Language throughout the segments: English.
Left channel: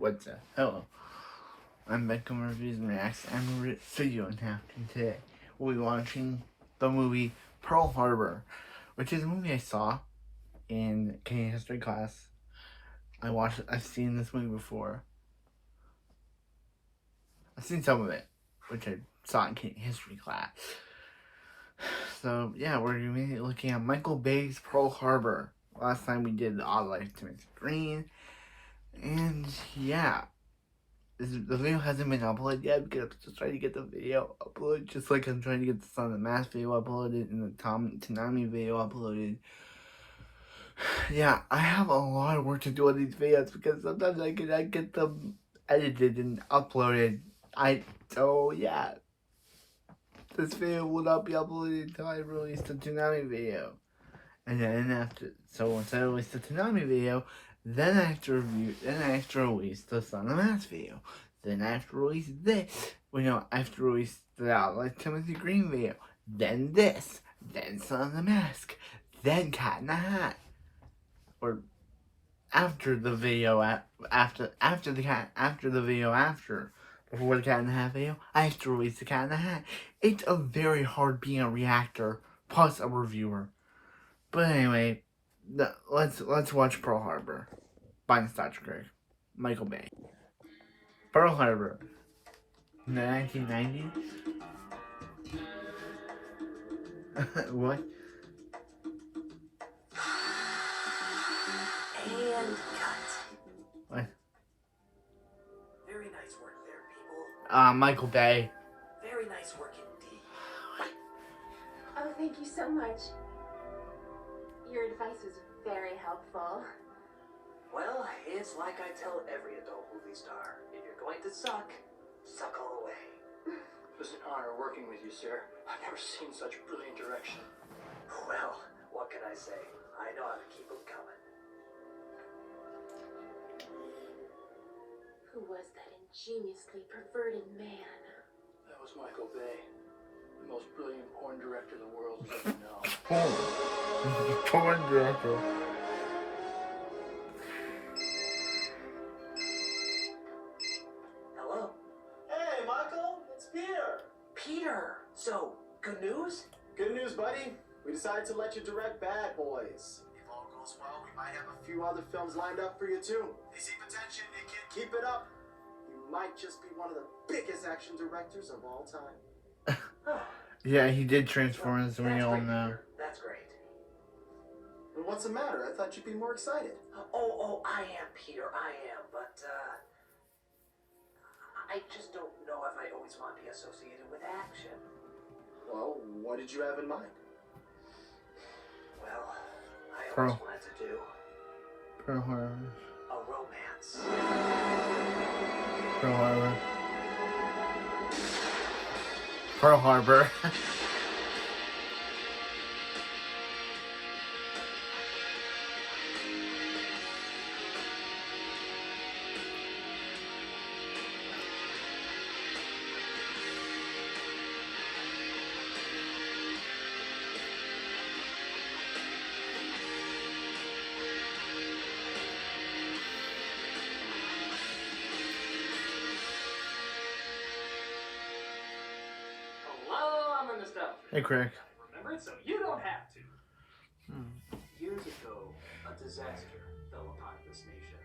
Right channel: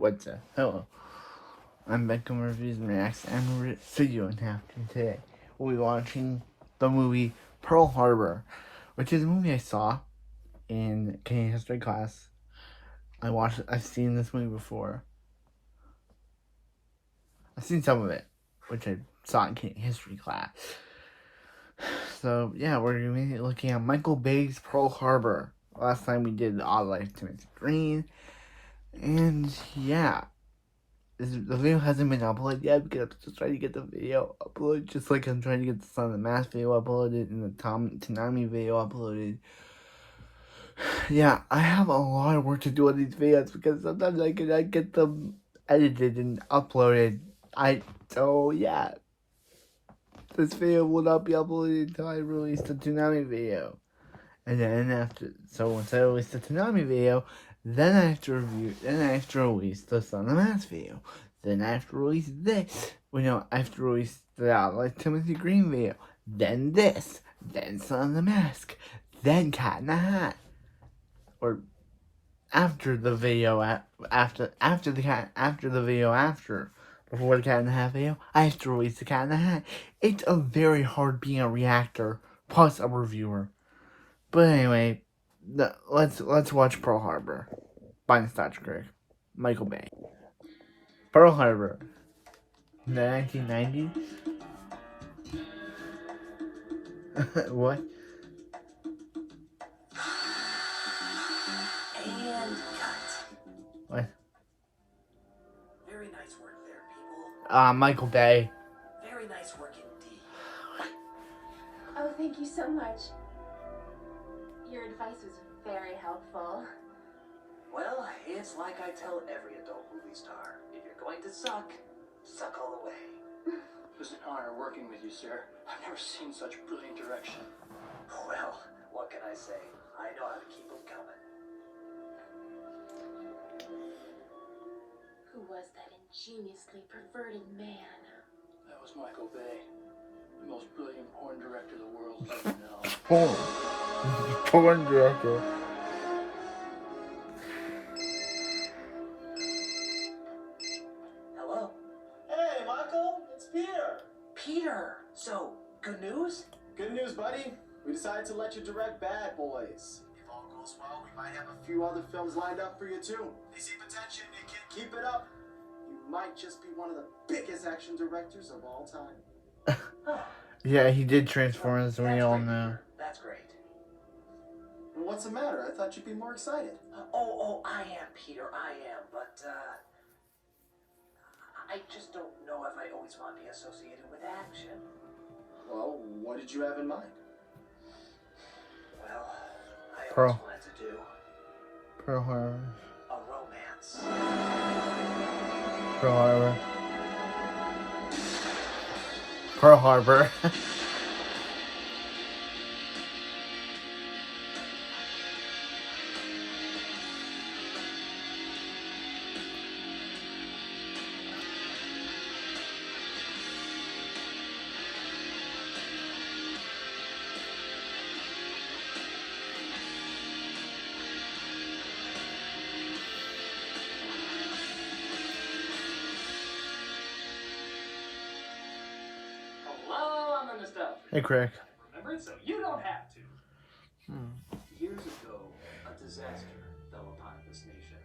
What's up? Hello. I'm back on Reviews and Reacts, and I'm video and happening today. We'll be watching the movie Pearl Harbor, which is a movie I saw in Canadian history class. I've seen this movie before. I've seen some of it, which I saw in Canadian history class. So yeah, we're gonna be looking at Michael Bay's Pearl Harbor. Last time we did The Odd Life of Timothy Green, and yeah. The video hasn't been uploaded yet because I'm still trying to get the video uploaded, just like I'm trying to get the Son of the Mask video uploaded and the Tanami video uploaded. Yeah, I have a lot of work to do on these videos because sometimes I cannot get them edited and uploaded. So yeah, this video will not be uploaded until I release the Tanami video. And then once I release the Tanami video, then I have to release the Son of the Mask video. Then I have to release this. I have to release the Outlive Timothy Green video. Then this. Then Son of the Mask. Then Cat in the Hat. Or after the video, before the Cat in the Hat video, I have to release the Cat in the Hat. It's a very hard being a reactor, plus a reviewer. But anyway, let's watch Pearl Harbor by Nostalgia Critic, Michael Bay. Pearl Harbor, in the 1990s. What? And cut. What? Very nice work there, people. Michael Bay. Very nice work indeed. Oh, thank you so much. Your advice was very helpful. Well, it's like I tell every adult movie star. If you're going to suck, suck all the way. It was an honor working with you, sir. I've never seen such brilliant direction. Well, what can I say? I know how to keep them coming. Who was that ingeniously perverted man? That was Michael Bay, the most brilliant porn director the world has ever known. Porn director. Hello? Hey, Michael, it's Peter. Peter! So, good news? Good news, buddy. We decided to let you direct Bad Boys. If all goes well, we might have a few other films lined up for you, too. Receive attention, Nick. Keep it up. You might just be one of the biggest action directors of all time. Oh. Yeah, he did Transformers, we That's all great, know. Peter. That's great. And what's the matter? I thought you'd be more excited. I am, Peter, I am, but, I just don't know if I always want to be associated with action. Well, what did you have in mind? Well, I Pearl. always wanted to do Pearl Harbor. a romance. Pearl Harbor. Pearl Harbor. Hey, Craig. Remember it, so you don't have to. Years ago, a disaster fell upon this nation.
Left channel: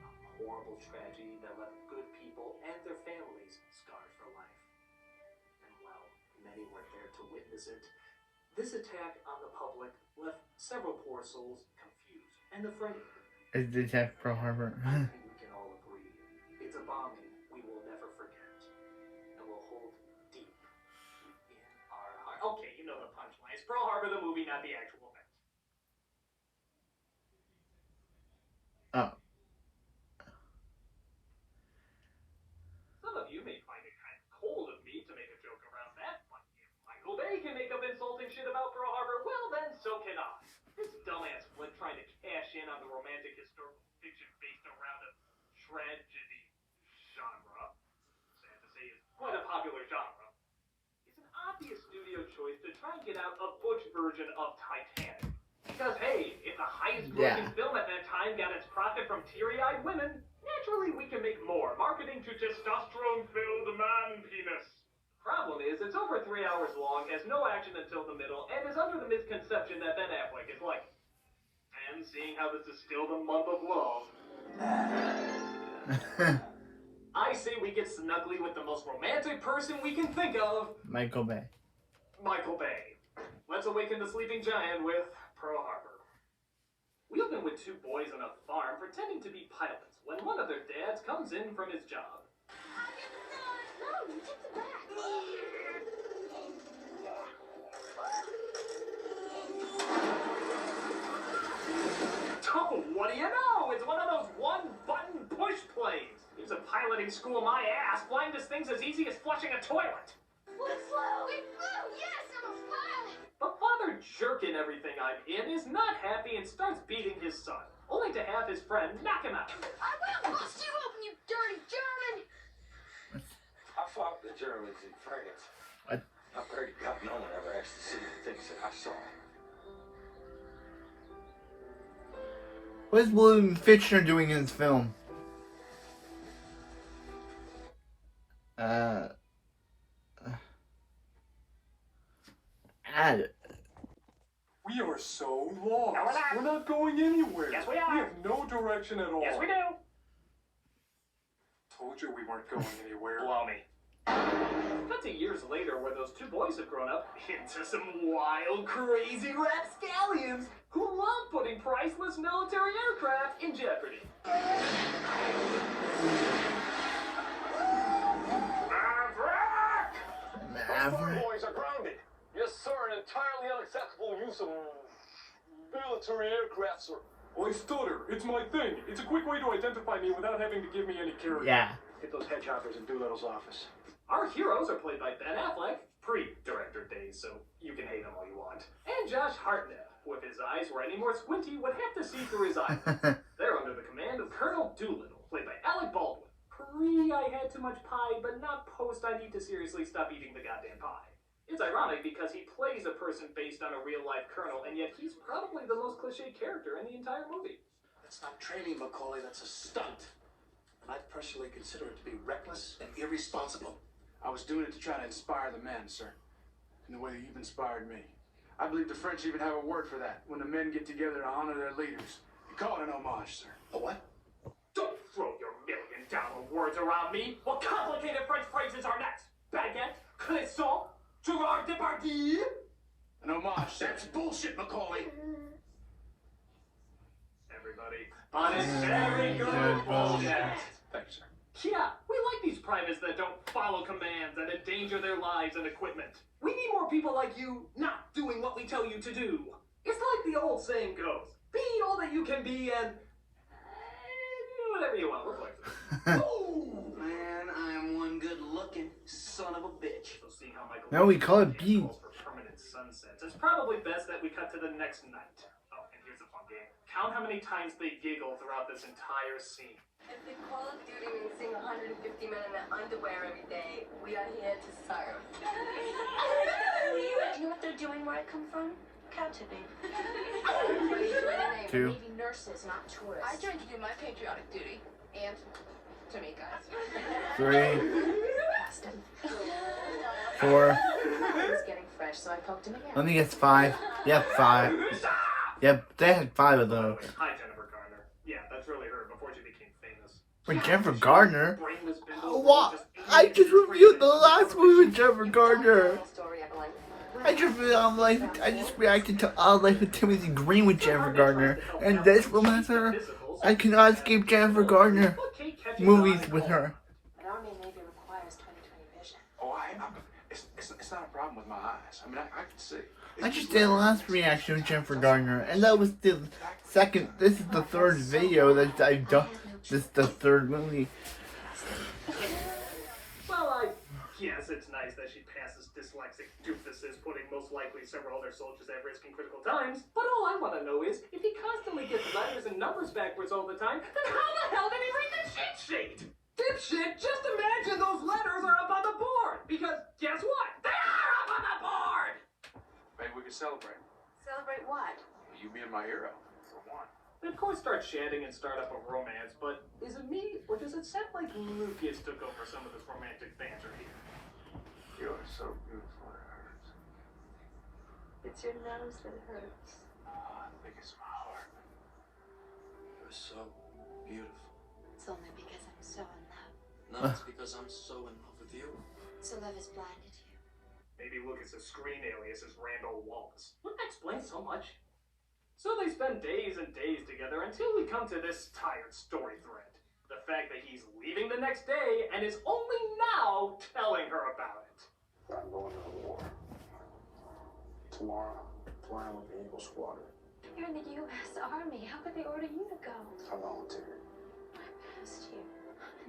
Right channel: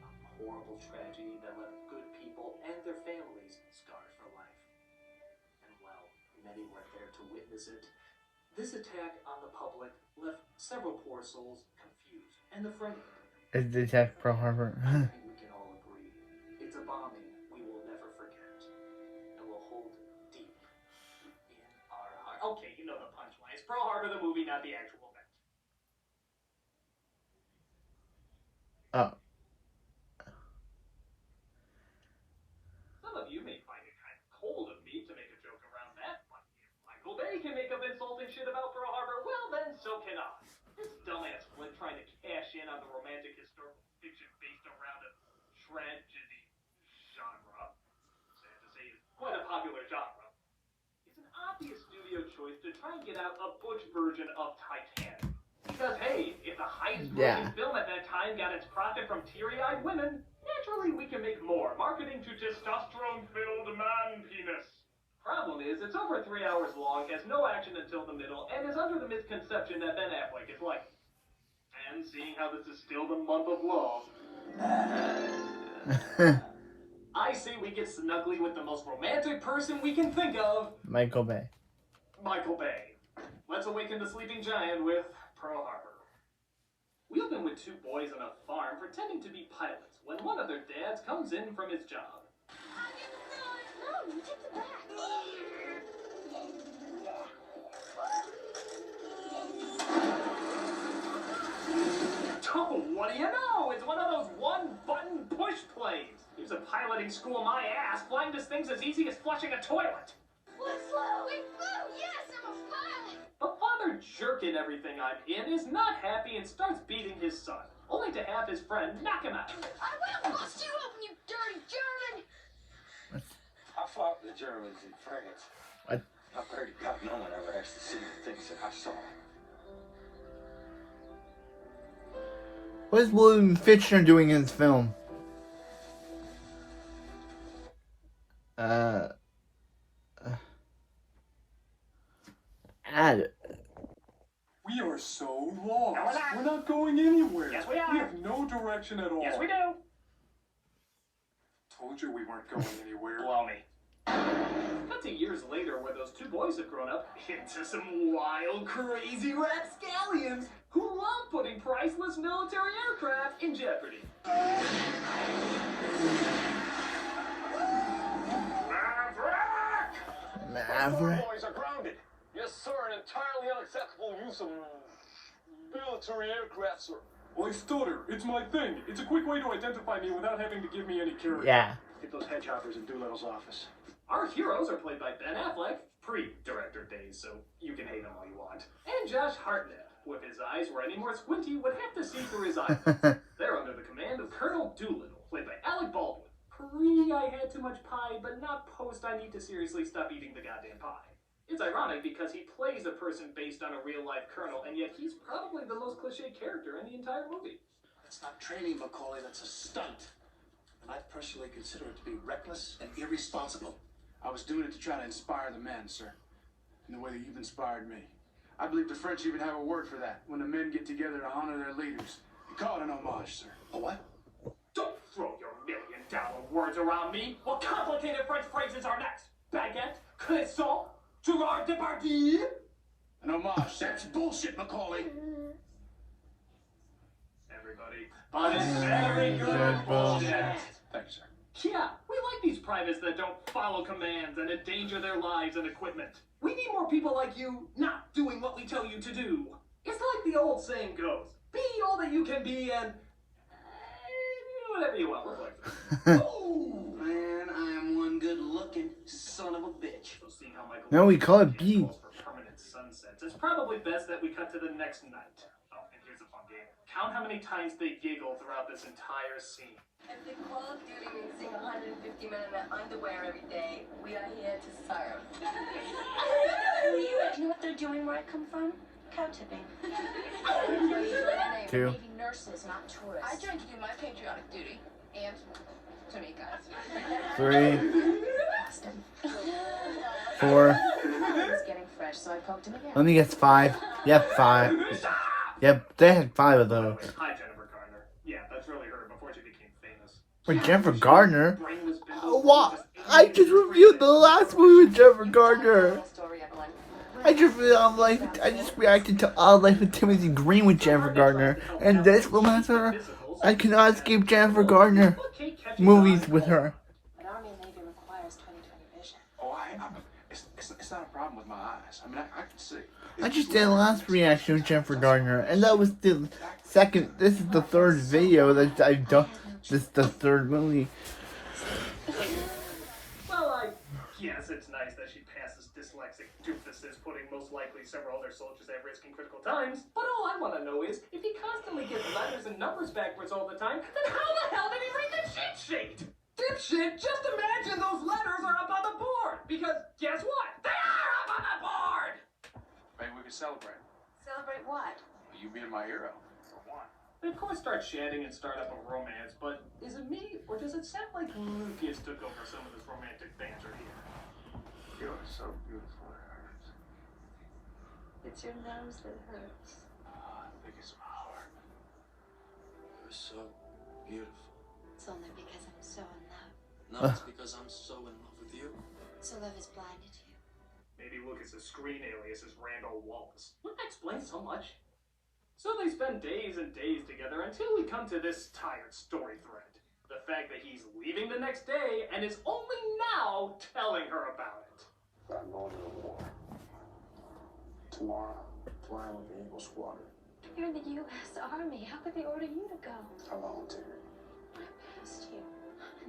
A horrible tragedy that left good people and their families scarred for life. And well, many weren't there to witness it. This attack on the public left several poor souls confused and afraid. Is the attack Pearl Harbor? I think we can all agree. It's a bombing we will never forget. And will hold deep in our heart. Okay, you know the punchline. It's Pearl Harbor, the movie, not the actual event. Oh. Some of you may find it kind of cold of me to make a joke around that, but if Michael Bay can make up insulting shit about Pearl Harbor, well then, so can I. This dumbass flick trying to cash in on the romantic historical fiction based around a tragedy genre, sad to say is quite a popular genre, is an obvious studio choice to try and get out a butch version of Titanic. Because hey, if the highest grossing film at that time got its profit from teary-eyed women, naturally we can make more, marketing to testosterone-filled man penis. Problem is, it's over 3 hours long, has no action until the middle, and is under the misconception that Ben Affleck is like. And seeing how this is still the month of love, I say we get snuggly with the most romantic person we can think of, Michael Bay. Michael Bay. Let's awaken the sleeping giant with Pearl Harbor. We open with two boys on a farm pretending to be pilots when one of their dads comes in from his job. No, you take the back. Oh, what do you know? It's one of those one-button push plays. Here's a piloting school my ass. Flying this thing's as easy as flushing a toilet. What flew? We flew. Yes, I'm a pilot. But Father Jerk in everything I'm in is not happy and starts beating his son, only to have his friend knock him out. I will bust you open, you dirty German. I fought the Germans in France. What? I pray to God no one ever has to see the things that I saw. What is William Fichtner doing in this film? We are so lost. No, we're not. We're not going anywhere. Yes, we are. We have no direction at all. Yes, we do. Told you we weren't going anywhere. Blow me. Cut to years later where those two boys have grown up into some wild, crazy rapscallions who love putting priceless military aircraft in jeopardy. Those four Maverick. boys are grounded. Yes, sir, an entirely unacceptable use of military aircraft, sir. Oi, Stutter, it's my thing. It's a quick way to identify me without having to give me any character. Yeah. Get those hedgehoppers in Doolittle's office. Our heroes are played by Ben Affleck, pre-director days, so you can hate him all you want. And Josh Hartnett, who if his eyes were any more squinty, would have to see through his eyelids. They're under the command of Colonel Doolittle, played by Alec Baldwin. Pre I had too much pie, but not post I need to seriously stop eating the goddamn pie. It's ironic because he plays a person based on a real-life colonel, and yet he's probably the most cliche character in the entire movie. That's not training, Macaulay. That's a stunt. And I personally consider it to be reckless and irresponsible. I was doing it to try to inspire the men, sir, in the way that you've inspired me. I believe the French even have a word for that, when the men get together to honor their leaders. They call it an homage, sir. A what? Don't throw your million-dollar words around me! What complicated French phrases are next? Baguette? Croissant? Gerard Depardieu? An homage, sir. That's bullshit, Macaulay. Everybody. But it's very good bullshit. Thanks, sir. Yeah, we like these privates that don't follow commands and endanger their lives and equipment. We need more people like you not doing what we tell you to do. It's like the old saying goes, be all that you can be and whatever you want. Look like this. Oh! Man, I'm one good-looking son of a bitch. So seeing how Michael No, we call it B. calls for permanent sunsets, it's probably best that we cut to the next night. Oh, and here's a fun game. Count how many times they giggle throughout this entire scene. If the Call of Duty means seeing 150 men in their underwear every day, we are here to serve. Do you know what they're doing where I come from? Cow tipping. Two. Navy nurses, not tourists. I joined to do my patriotic duty. And to meet guys. 3, 4. He was getting fresh, so I poked him again. Let me guess 5. Yep, 5. Yep, they had 5 of By the those. way, hi Jennifer Garner. Yeah, that's really her before she became famous. For Jennifer Gardner? Brainless bindles Oh, wow. just I just reviewed the last movie with Jennifer Gardner. Story, Evelyn. I just reacted to All Life with Timothy Green with Jennifer Gardner. And this will mess her. I cannot escape Jennifer Gardner movies with her. An Army and Navy requires 20/20 vision. Oh, it's not a problem with my eyes. I mean, I can see. I just did the last reaction with Jennifer Gardner, and that was the second. This is the third video that I've done. This is the third movie. Well, I guess it's nice that she passes dyslexic doofuses, putting most likely several other soldiers at risk in critical times. But all I want to know is, if he constantly gets letters and numbers backwards all the time, then how the hell did he read the cheat sheet? Dipshit, just imagine those letters are up on the board, because guess what? They are up on the board! Maybe we can celebrate. Celebrate what? You being my hero, for one. They of course start chatting and start up a romance, but is it me, or does it it sound like Lucas took over some of this romantic banter here? You're so beautiful, it hurts. It's your nose that hurts. I think it's my heart. You're so beautiful. It's only because I'm so in love. No, it's because I'm so in love with you. So love has blinded you. Maybe Lucas's screen alias is Randall Wallace. Wouldn't that explain so much? So they spend days and days together until we come to this tired story thread. The fact that he's leaving the next day and is only now telling her about it. I'm going to the war. Tomorrow, flying with the Eagle Squadron. You're in the U.S. Army. How could they order you to go? I volunteered. I passed you.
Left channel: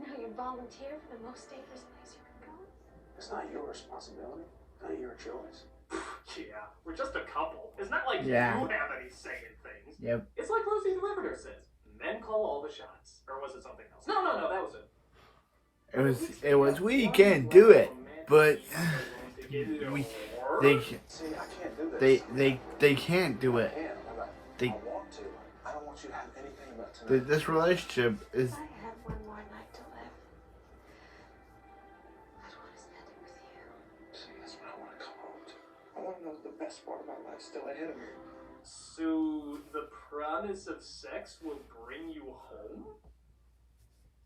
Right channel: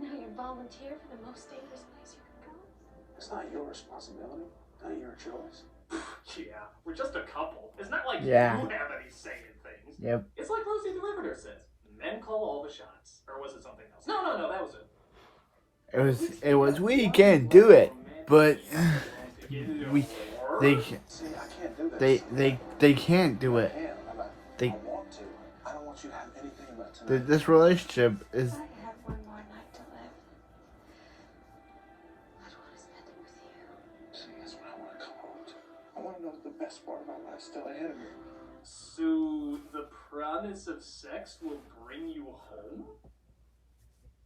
Now you volunteer for the most dangerous place you can go? It's not your responsibility, not your choice. Yeah, we're just a couple. It's not like Yeah. you have any say in things. Yep. It's like Rosie the Riveter says, men call all the shots. Or was it something else? No, that was it. It was we can't do it, but we they See, I can't do this. they can't do it. I can. They- I want to. I don't want you to have anything about tonight. But this relationship is If I had one more night to live, I'd want to spend it with you. See, that's what I want to come home to. I want to know that the best part of my life still ahead of me. So the promise of sex will bring you home?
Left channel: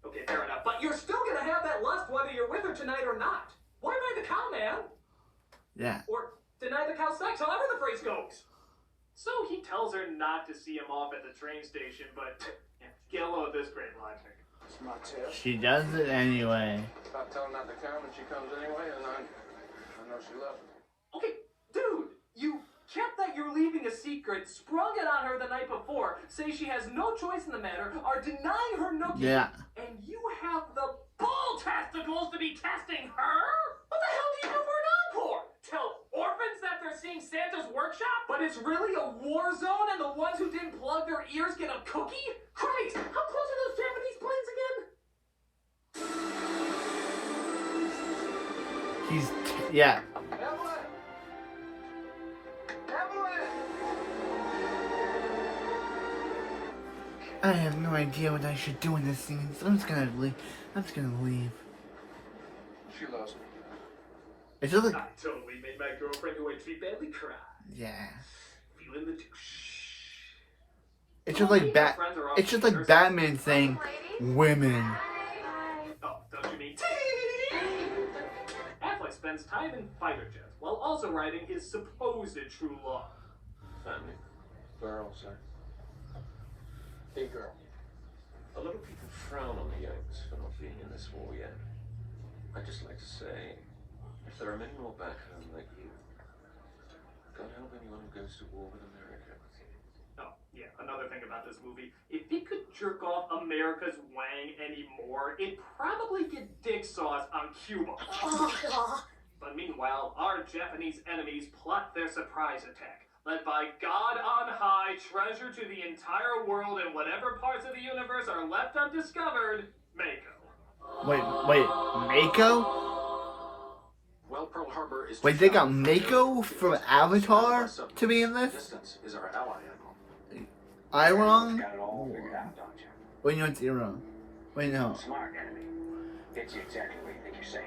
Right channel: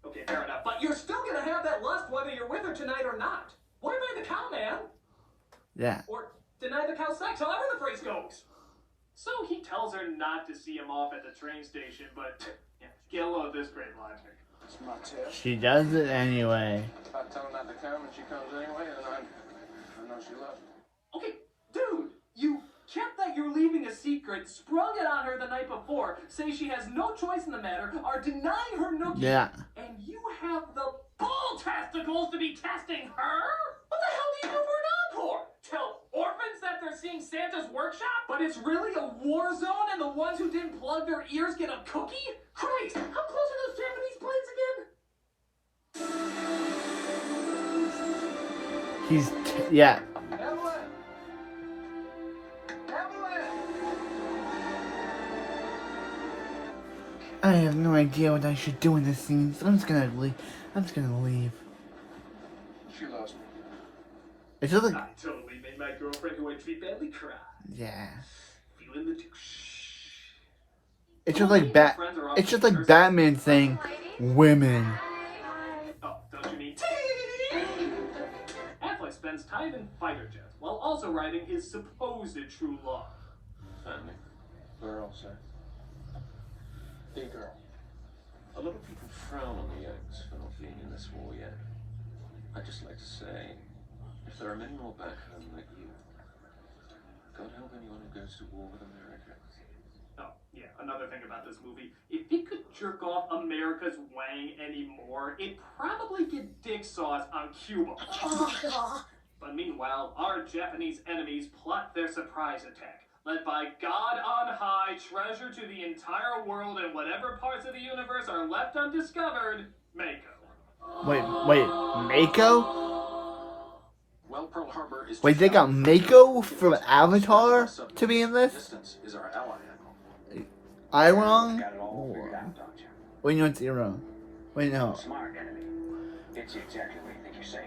Okay, fair enough. But you're still gonna have that lust whether you're with her tonight or not. Why buy the cow, man? yeah. Or deny the cow sex, however the phrase goes. So he tells her not to see him off at the train station, but get a load of this great logic. It's my test. She does it anyway. If I tell her not to come and she comes anyway, then I know she loves me. Okay, dude, you kept that you're leaving a secret, sprung it on her the night before, say she has no choice in the matter, are denying her nookie, Yeah. and you have the bull testicles to be testing her? What the hell do you do for an encore? Tell orphans that they're seeing Santa's workshop, but it's really a war zone and the ones who didn't plug their ears get a cookie? Christ, how close are those Japanese planes again? He's yeah. Evelyn! Evelyn! I have no idea what I should do in this scene, so I'm just gonna leave. She loves me. It's just I like totally made my girlfriend who I treat badly cry. yeah. Feeling the douche. It's just like It's just like Batman saying women. Oh, don't you mean Affleck spends time in fighter jets while also writing his supposed true love. Family. Girl, sir. Big girl. A lot of people frown on the Yanks for not being in this war yet. I'd just like to say, if there are many more back home like you, God help anyone who goes to war with America. Oh, yeah, another thing about this movie, if it could jerk off America's Wang anymore, it'd probably get dick sauce on Cuba. But meanwhile, our Japanese enemies plot their surprise attack, led by God on high, treasure to the entire world and whatever parts of the universe are left undiscovered, Mako. Wait, Mako? Well, Pearl Harbor is. Wait, they got Mako from Avatar to be in this? Distance is our ally, Admiral. I wrong? Got it all figured out, don't you? Wait, no, it's wrong. Wait, no. Smart enemy. Gets you exactly where you think you're safe.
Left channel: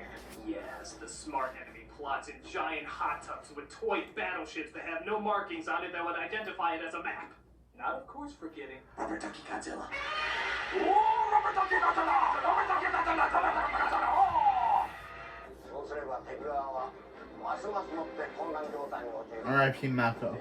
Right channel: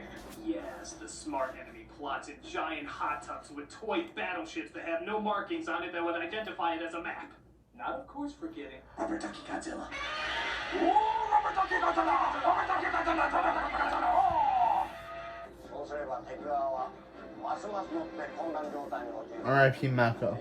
Yes, the smart enemy plots in giant hot tubs with toy battleships that have no markings on it that would identify it as a map. Not, of course, forgetting Rubber Ducky Godzilla. R.I.P. Mako.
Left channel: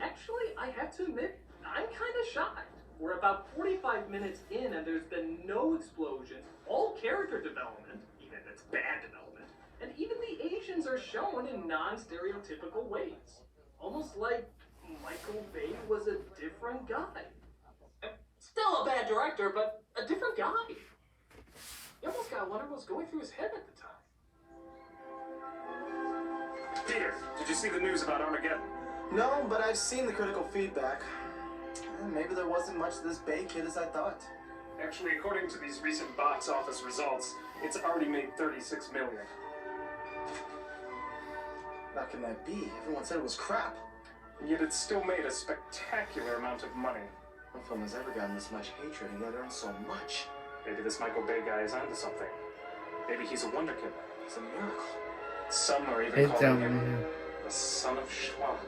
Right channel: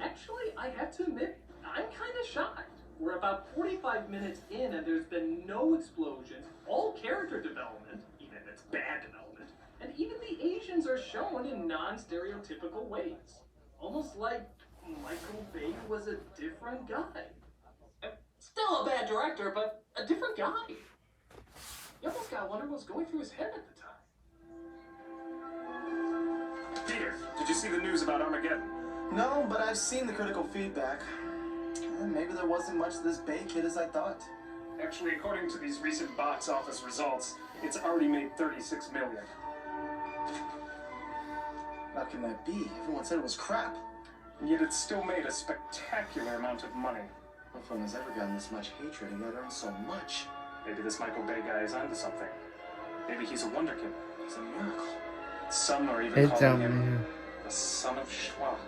Actually, I have to admit, I'm kind of shocked. We're about 45 minutes in and there's been no explosions, all character development, even if it's bad development, and even the Asians are shown in non-stereotypical ways. Almost like Michael Bay was a different guy. Still a bad director, but a different guy. You almost gotta wonder what was going through his head at the time. Peter, did you see the news about Armageddon? No, but I've seen the critical feedback. Maybe there wasn't much to this Bay kid as I thought. Actually, according to these recent box office results, it's already made $36 million. How can that be? Everyone said it was crap. and yet it still made a spectacular amount of money. No film has ever gotten this much hatred and yet earned so much. Maybe this Michael Bay guy is onto something. Maybe he's a wonder kid. He's a miracle. Some are even It's calling him the son of schlock.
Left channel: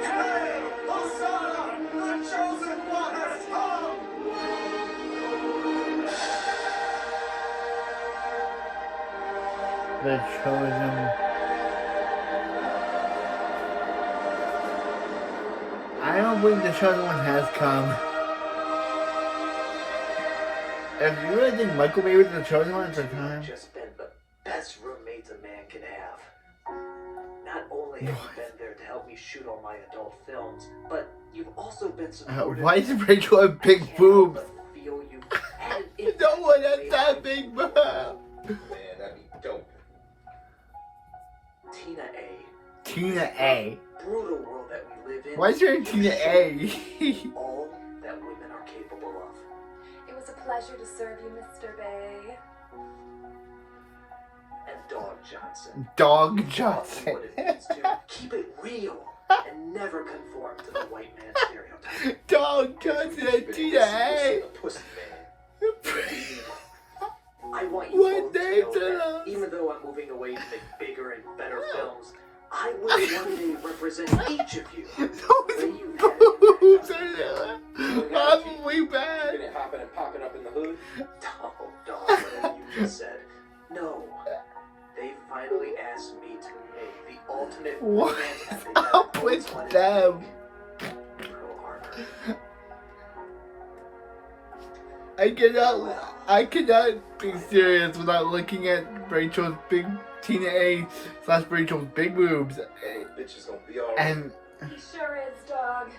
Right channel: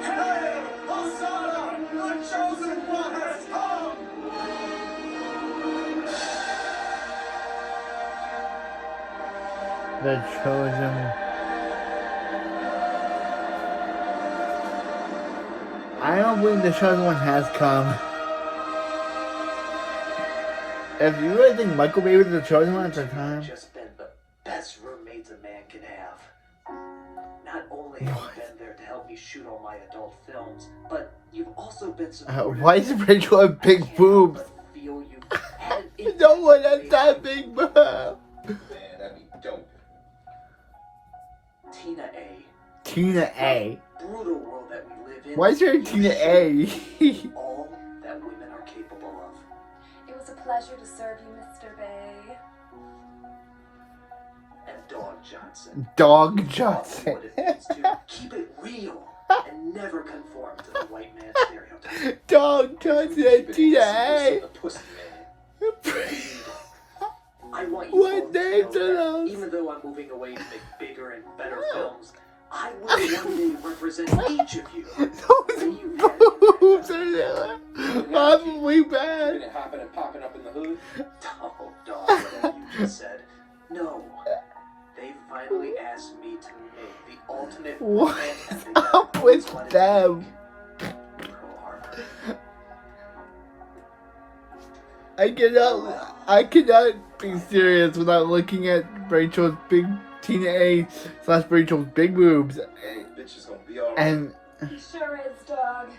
Hail, Hosanna! The chosen one has come! The chosen. I don't believe the chosen one has come. If you really think Michael Bay was the chosen one at the time, Just been the best roommates a man can have. Not only have you been there to help me shoot all my adult films, but you've also been supportive. why is Rachel a big I can't boobs? help but feel you added No one has insight that to big my boob. Man, that'd be dope. Tina A. Tina A. Brutal world that we live in. Why is there a Tina A? All that women are capable of. It was a pleasure to serve you, Mr. Bay. And Dog Johnson. Dog Taught me Johnson. what it means to keep it real and never conform to the white man's stereotype. Dog Johnson and Tina A. The pussy man. Indeed. I want you What both to names know are that those? even though I'm moving away to make bigger and better films, I will one day represent each of you. The way you had an Boobs impact are awfully bad. Been it hopping and popping up in the hood? Oh, dog, whatever you just said. No. They finally asked me to make the ultimate What romance is epic that I've up always with wanted them? to make. Pearl Harbor. I cannot be serious without looking at Rachel's big Tina A / Rachel's big boobs. Hey, bitch is gonna be alright. And He sure is, dog.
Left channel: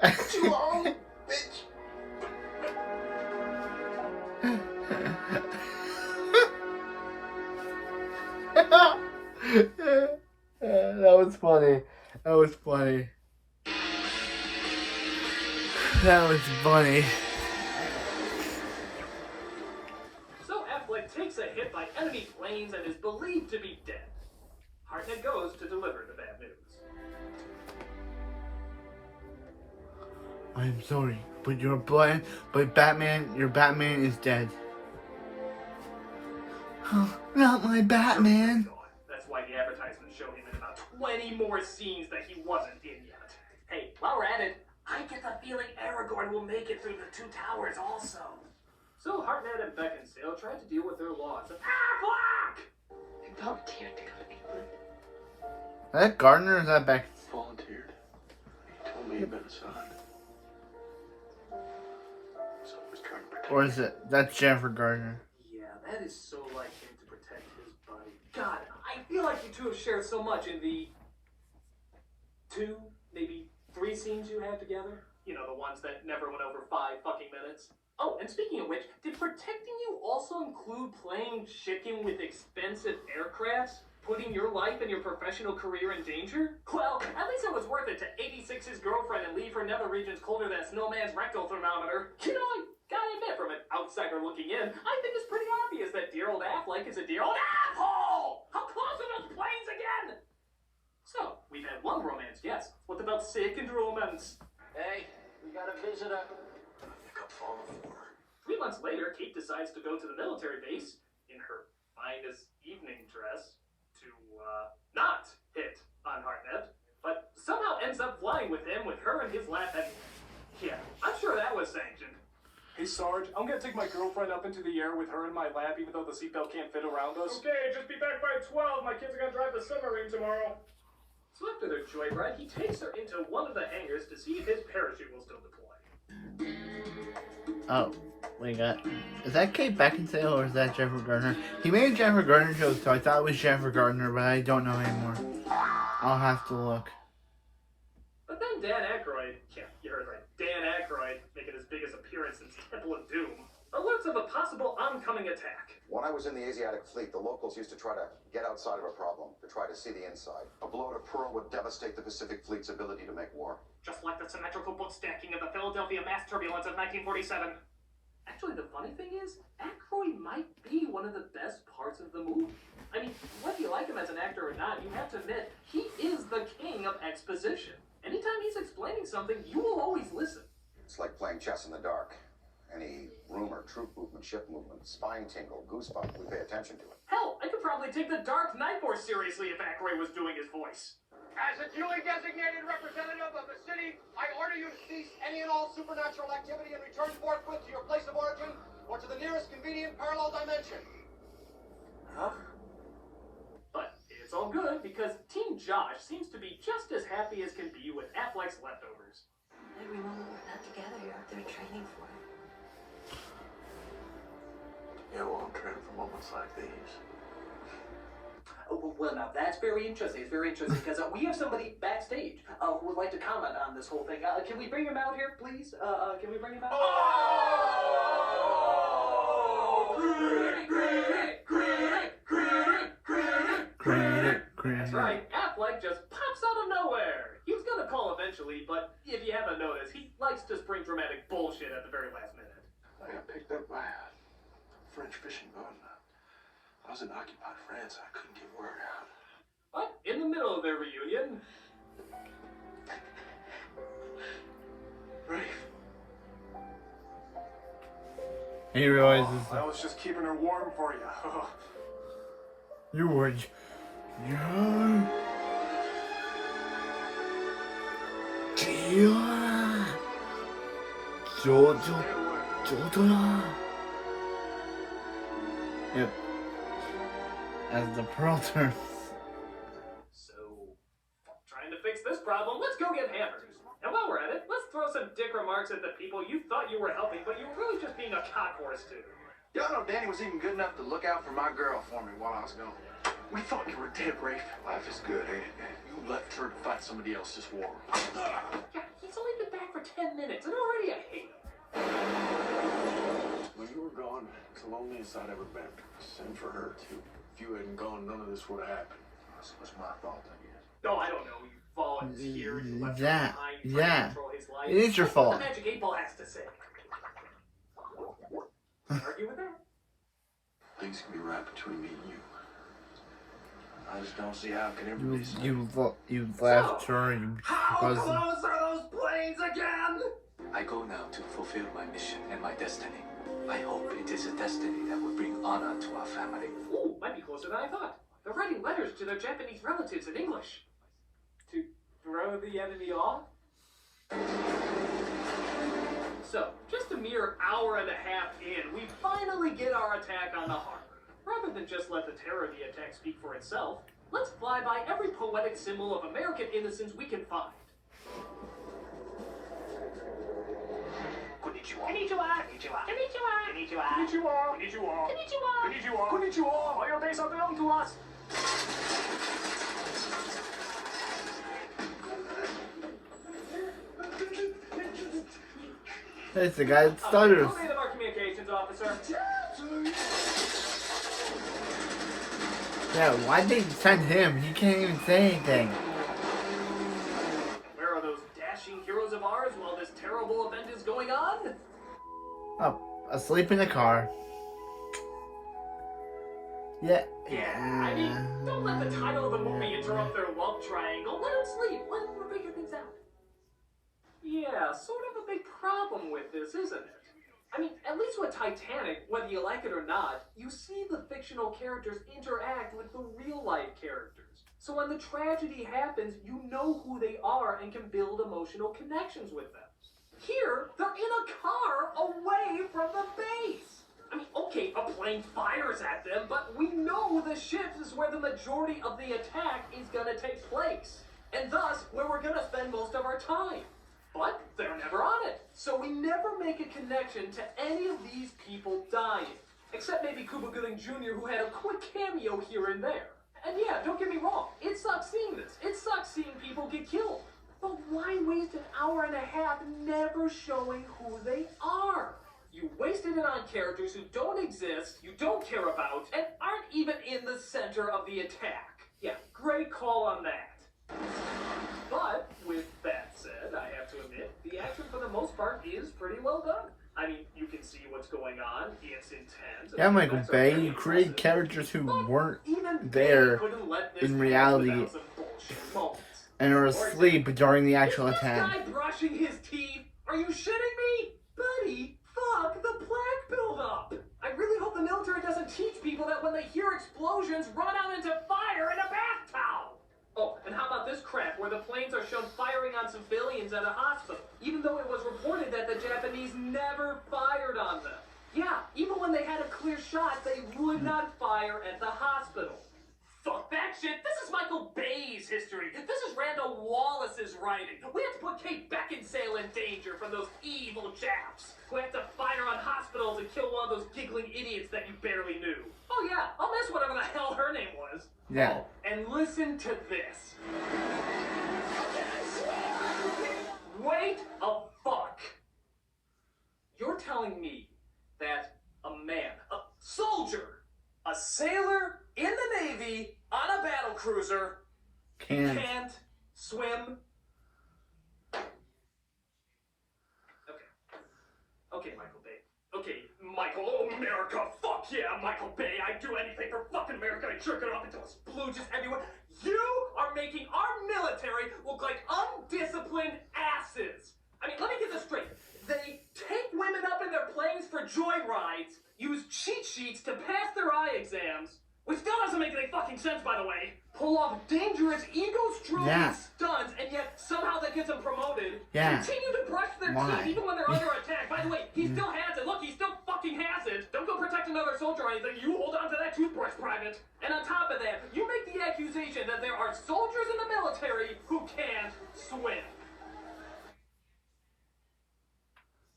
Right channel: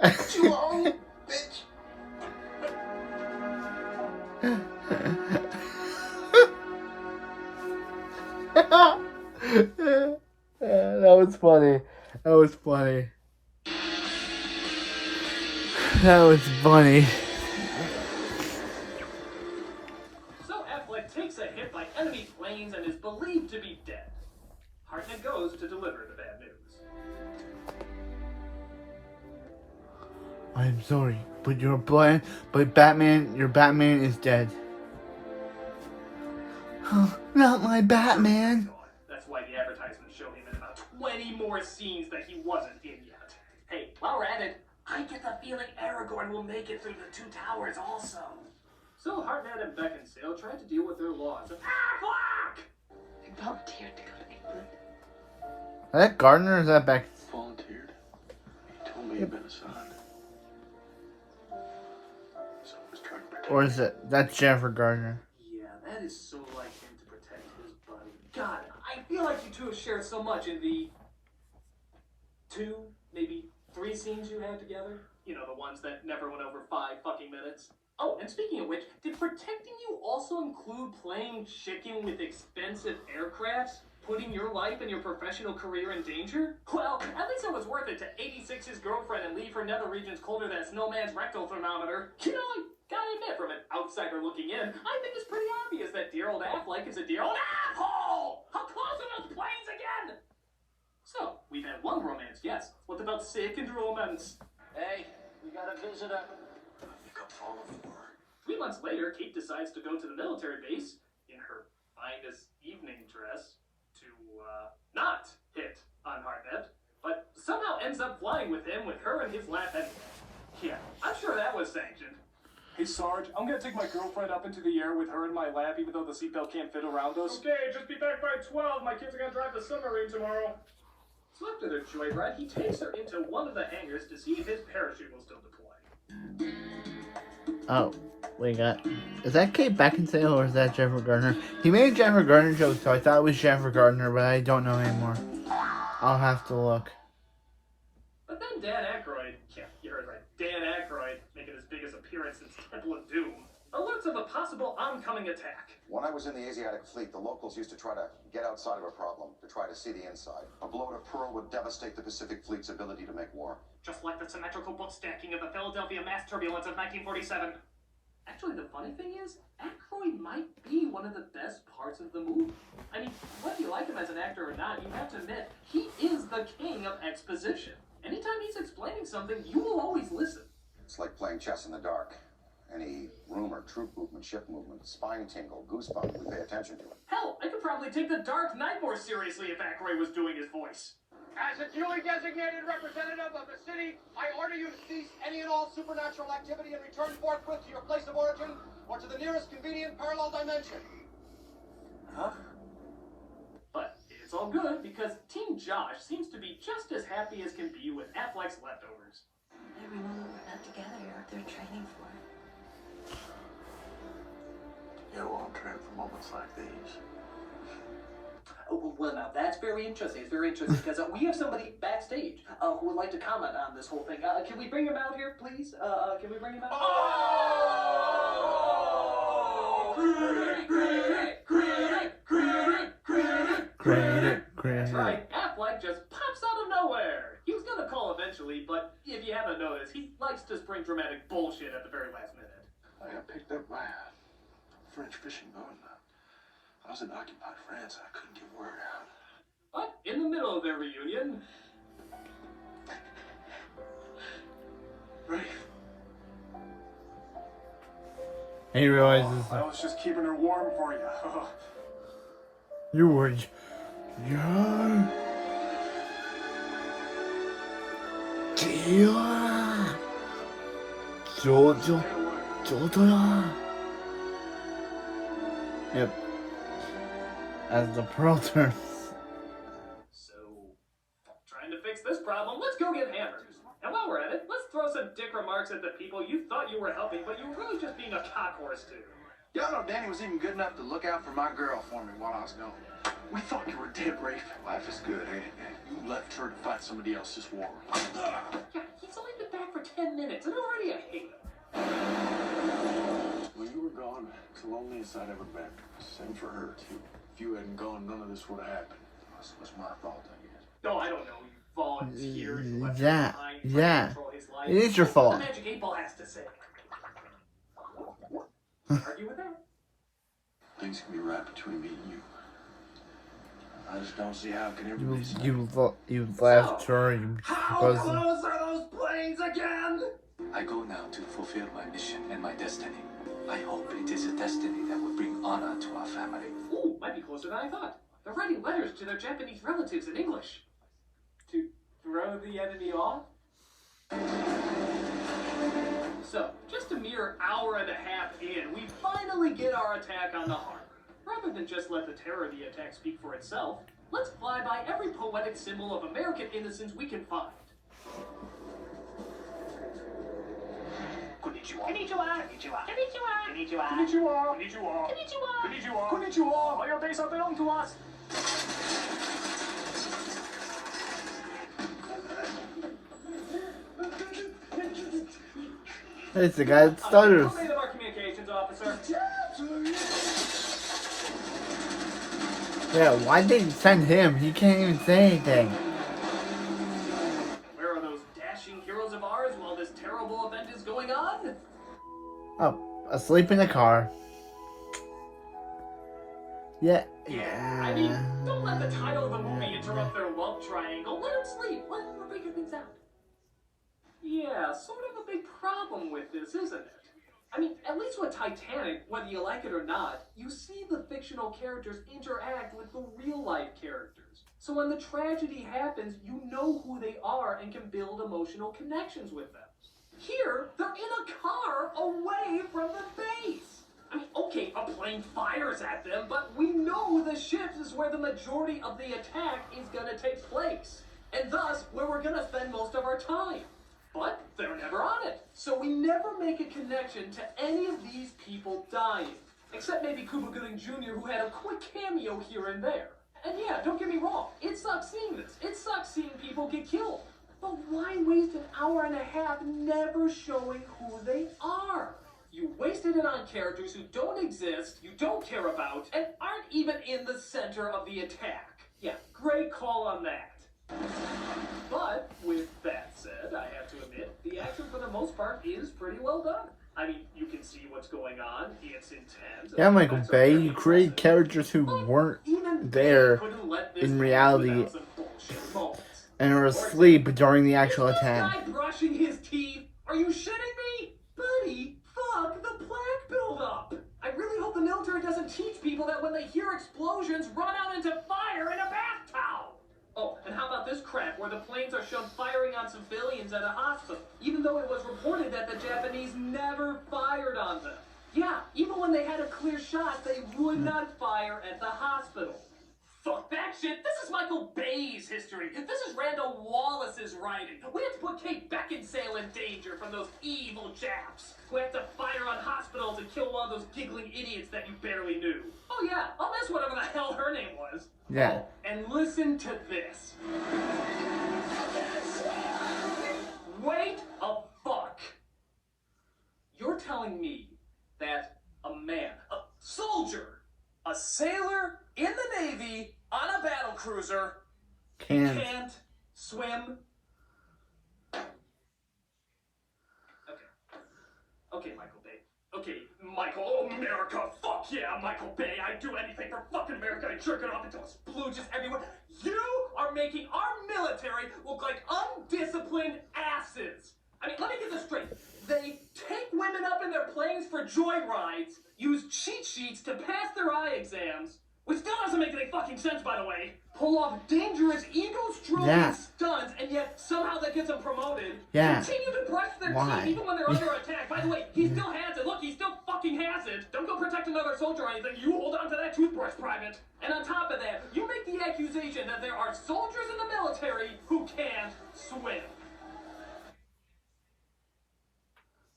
What you on, bitch? that was funny. That was funny. That was funny. So Affleck takes a hit by enemy planes and is believed to be dead. Hartnett goes to deliver the bad news. I'm sorry, but your Batman is dead. Not my Batman. That's why the advertisements show him in about 20 more scenes that he wasn't in yet. Hey, while we're at it, I get the feeling Aragorn will make it through the Two Towers also. so Hartnett and Beckinsale tried to deal with their loss of Affleck! I volunteered to go to England. Is that Gardner or is that Beck? Volunteered. He told me he'd been assigned. So I was trying to protect Or is it that's Jennifer Gardner? Yeah, that is so like him to protect his buddy. God, I feel like you two have shared so much in the 2, maybe 3 scenes you had together. You know, the ones that never went over 5 fucking minutes. Oh, and speaking of which, did protecting you also include playing chicken with expensive aircrafts? Putting your life and your professional career in danger? Well, at least it was worth it to 86 his girlfriend and leave her nether regions colder than a snowman's rectal thermometer. You know, I gotta admit, from an outsider looking in, I think it's pretty obvious that dear old Affleck is a dear old asshole! How close are those planes again? So, we've had one romance, yes. What about second romance? Hey, we got a visitor. I think I'm falling for her. 3 months later, Kate decides to go to the military base in her finest evening dress to, not hit on Hartnett, but somehow ends up flying with him with her in his lap anyway. Yeah, I'm sure that was sanctioned. Hey Sarge, I'm gonna take my girlfriend up into the air with her in my lap even though the seatbelt can't fit around us. Okay, just be back by 12. My kids are gonna drive the submarine tomorrow. So after their joyride, he takes her into one of the hangars to see if his parachute will still deploy. Oh, we got. Is that Kate Beckinsale or is that Jennifer Gardner? He made Jennifer Gardner joke, so I thought it was Jennifer Gardner, but I don't know anymore. I'll have to look. But then Dan Aykroyd, yeah, you heard right, Dan Aykroyd, making his biggest appearance since Temple of Doom, alerts of a possible oncoming attack. When I was in the Asiatic fleet, the locals used to try to get outside of a problem, to try to see the inside. A blow to Pearl would devastate the Pacific Fleet's ability to make war. Just like the symmetrical book stacking of the Philadelphia mass turbulence of 1947. Actually, the funny thing is, Aykroyd Aykroyd might be one of the best parts of the movie. I mean, whether you like him as an actor or not, you have to admit, he is the king of exposition. Anytime he's explaining something, you will always listen. It's like playing chess in the dark. Any rumor, troop movement, ship movement, spine tingle, goosebump, we pay attention to it. Hell, I could probably take The Dark Knight more seriously if Aykroyd was doing his voice. As a duly designated representative of the city, I order you to cease any and all supernatural activity and return forthwith to your place of origin or to the nearest convenient parallel dimension. Huh? But it's all good because Team Josh seems to be just as happy as can be with Affleck's leftovers. Everyone not together, you're up there training for it. Yeah, well, I'm training for moments like these. Oh, well, now that's very interesting. It's very interesting because we have somebody backstage who would like to comment on this whole thing. Can we bring him out here, please? Can we bring him out? That's right. Affleck just pops out of nowhere. He was gonna call eventually, but if you haven't noticed, he likes to spring dramatic bullshit at the very last minute. I got picked up by a French fishing boat. I was in occupied France. I couldn't get word out. But in the middle of their reunion, Rafe. He realizes I was just keeping her warm for you. you were. Yeah. Yep. As the pearl turns. so trying to fix this problem, let's go get hammered. And while we're at it, let's throw some dick remarks at the people you thought you were helping, but you were really just being a cockhorse to. Y'all know Danny was even good enough to look out for my girl for me while I was gone. We thought you were dead, Rafe. Life is good, ain't it, man? You left her to fight somebody else's war. Yeah, he's only been back for 10 minutes, and already I hate him. When you were gone, it's the loneliest I'd ever been. Same for her, too. If you hadn't gone, none of this would have happened. This was my fault, I guess. No, I don't know. You volunteered. You left Yeah, him behind. You tried to yeah. control his life. It is your That's what fault. the Magic 8 Ball has to say. Argue with that? Things can be right between me and you. I just don't see how it can ever be so. You left her. You How wasn't. close are those planes again? I go now to fulfill my mission and my destiny. I hope it is a destiny that will bring honor to our family. Ooh, might be closer than I thought. They're writing letters to their Japanese relatives in English. To throw the enemy off? So, just a mere hour and a half in, we finally get our attack on the harbor. Rather than just let the terror of the attack speak for itself, let's fly by every poetic symbol of American innocence we can find. Konnichiwa. Konnichiwa. Konnichiwa. Konnichiwa. Konnichiwa. Konnichiwa. Konnichiwa. Konnichiwa. Konnichiwa. All your base are belong to us. It's the guy that stutters. Command of our communications officer. Yeah, why did they send him? He can't even say anything. Where are those dashing heroes of ours while this terrible event is going on? Oh, asleep in the car. Yeah. Yeah, I mean, don't let the title of the movie interrupt their love triangle. Let them sleep. Let them figure things out. Yeah, sort of a big problem with this, isn't it? I mean, at least with Titanic, whether you like it or not, you see the fictional characters interact with the real-life characters. So when the tragedy happens, you know who they are and can build emotional connections with them. Here, they're in a car away from the base. I mean, okay, a plane fires at them, but we know the ship is where the majority of the attack is gonna take place. And thus, where we're gonna spend most of our time. But they're never on it. So we never make a connection to any of these people dying. Except maybe Cuba Gooding Jr., who had a quick cameo here and there. And yeah, don't get me wrong, it sucks seeing this. It sucks seeing people get killed. But why waste an hour and a half never showing who they are? You wasted it on characters who don't exist, you don't care about, and aren't even in the center of the attack. Yeah, great call on that. But, with that said, I have to admit, the action for the most part is pretty well done. I mean, you can see what's going on. It's intense. Yeah, Michael Bay, you create characters who weren't there in reality and are asleep during the actual attack. This guy brushing his teeth? Are you shitting me? Buddy, fuck the plaque buildup. I really hope the military doesn't teach people that when they hear explosions, run out into fire in a bath towel. Oh, and how about this crap where the planes are shown firing on civilians at a hospital, even though it was reported that the Japanese never fired on them. Yeah, even when they had a clear shot, they would not fire at the hospital. Fuck that shit. This is Michael Bay's history. This is Randall Wallace's writing. We have to put Kate Beckinsale in danger from those evil chaps who have to fire on hospitals and kill one of those giggling idiots that you barely knew. Oh yeah, I'll miss whatever the hell her name was. Yeah. Oh, and listen to this. Wait a fuck. You're telling me that a man, a soldier, a sailor in the Navy on a battle cruiser can't swim? Okay, Michael Bay. Okay, Michael, oh, America, fuck yeah, Michael Bay. I'd do anything for fucking America. I'd jerk it off until it's splooges everywhere. You are making our military look like undisciplined asses. I mean, let me get this straight. They take women up in their planes for joyrides, use cheat sheets to pass their eye exams, which still doesn't make any fucking sense, by the way, pull off dangerous ego-stroking stunts, and yet somehow that gets them promoted, continue to brush their teeth even when they're under attack. By the way, he still has it. Look, he still fucking has it. Don't go protect another soldier or anything. You hold on to that toothbrush, Private. And on top of that, you make the accusation that there are soldiers in the military who can't swim.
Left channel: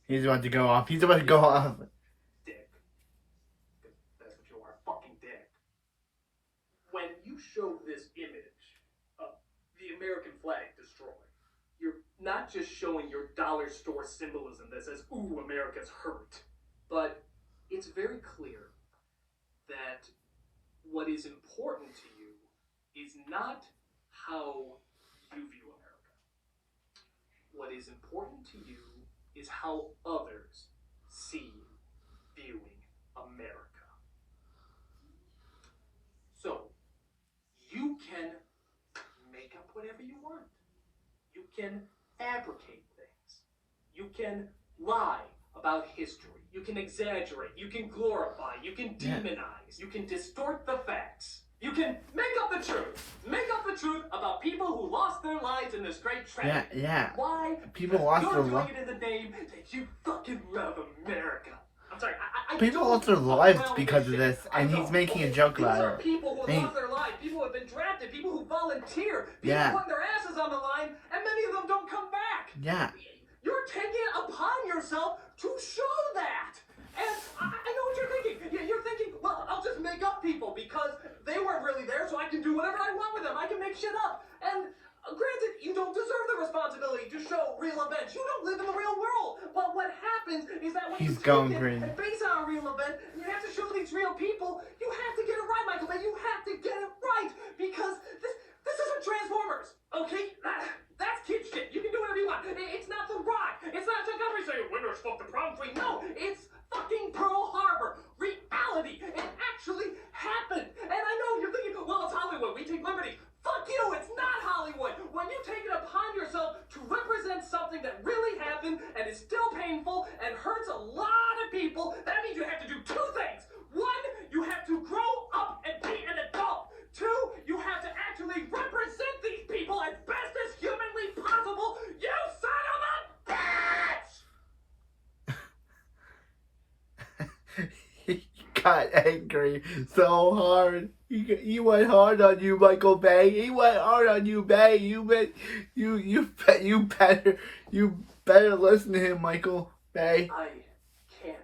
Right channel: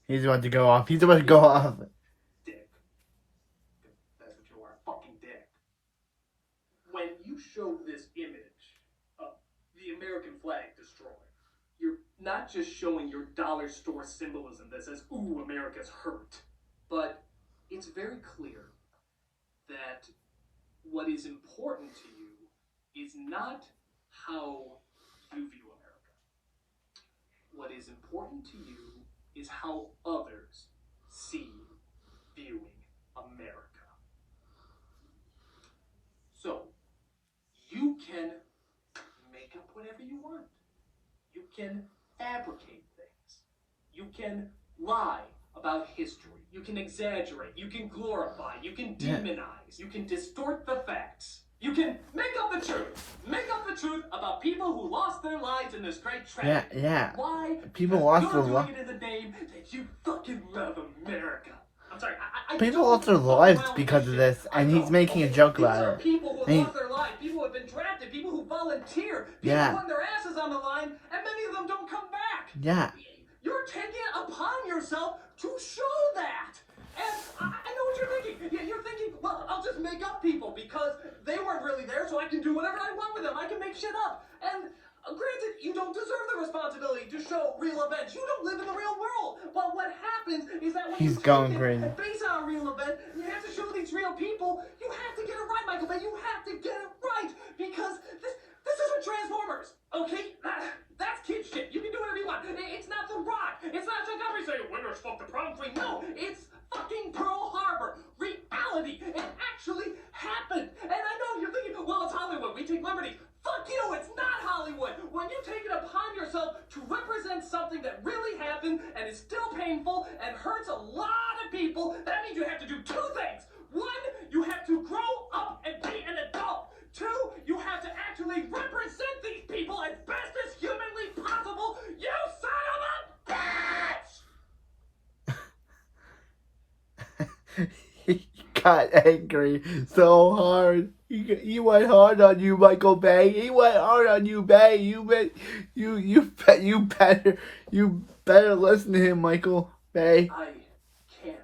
He's about to go off. He's about to go off. Dick. That's what you are, fucking dick. When you show this image of the American flag destroyed, you're not just showing your dollar store symbolism that says, ooh, America's hurt, but it's very clear that what is important to you is not how you view America. What is important to you is how others see viewing America. So, you can make up whatever you want. You can fabricate things. You can lie about history. You can exaggerate. You can glorify. You can demonize. You can distort the facts. You can make up the truth. Make up the truth about people who lost their lives in this great tragedy. Why? People lost their lives. You're doing it in the name that you fucking love America. I'm sorry. People lost their lives because of this, and he's making a joke about it. People who have lost their lives. People who have been drafted. People who volunteer. People putting their asses on the line, and many of them don't come back. Yeah. You're taking it upon yourself to show that. And I know what you're thinking. You're thinking, well, I'll just make up people because they weren't really there, so I can do whatever I want with them. I can make shit up. And granted, you don't deserve the responsibility to show real events. You don't live in the real world. But what happens is that when you take it and base on a real event, and you have to show these real people, you have to get it right, Michael Bay. You have to get it right because this isn't Transformers, okay? That's kid shit. You can do whatever you want. It's not The Rock. It's not Chuck Henry saying, winners fuck the prom queen. No, it's fucking Pearl Harbor. Reality. It actually happened. And I know you're thinking, well, it's Hollywood. We take liberties. Fuck you. It's not Hollywood. When you take it upon yourself to represent something that really happened and is still painful and hurts a lot of people, that means you have to do two things. One, you have to grow up and be an adult. Two, you have to actually represent these people as best as humanly possible. You son of a bitch! He got angry so hard. He went hard on you, Michael Bay. He went hard on you, Bay. You better listen to him, Michael Bay. I can't.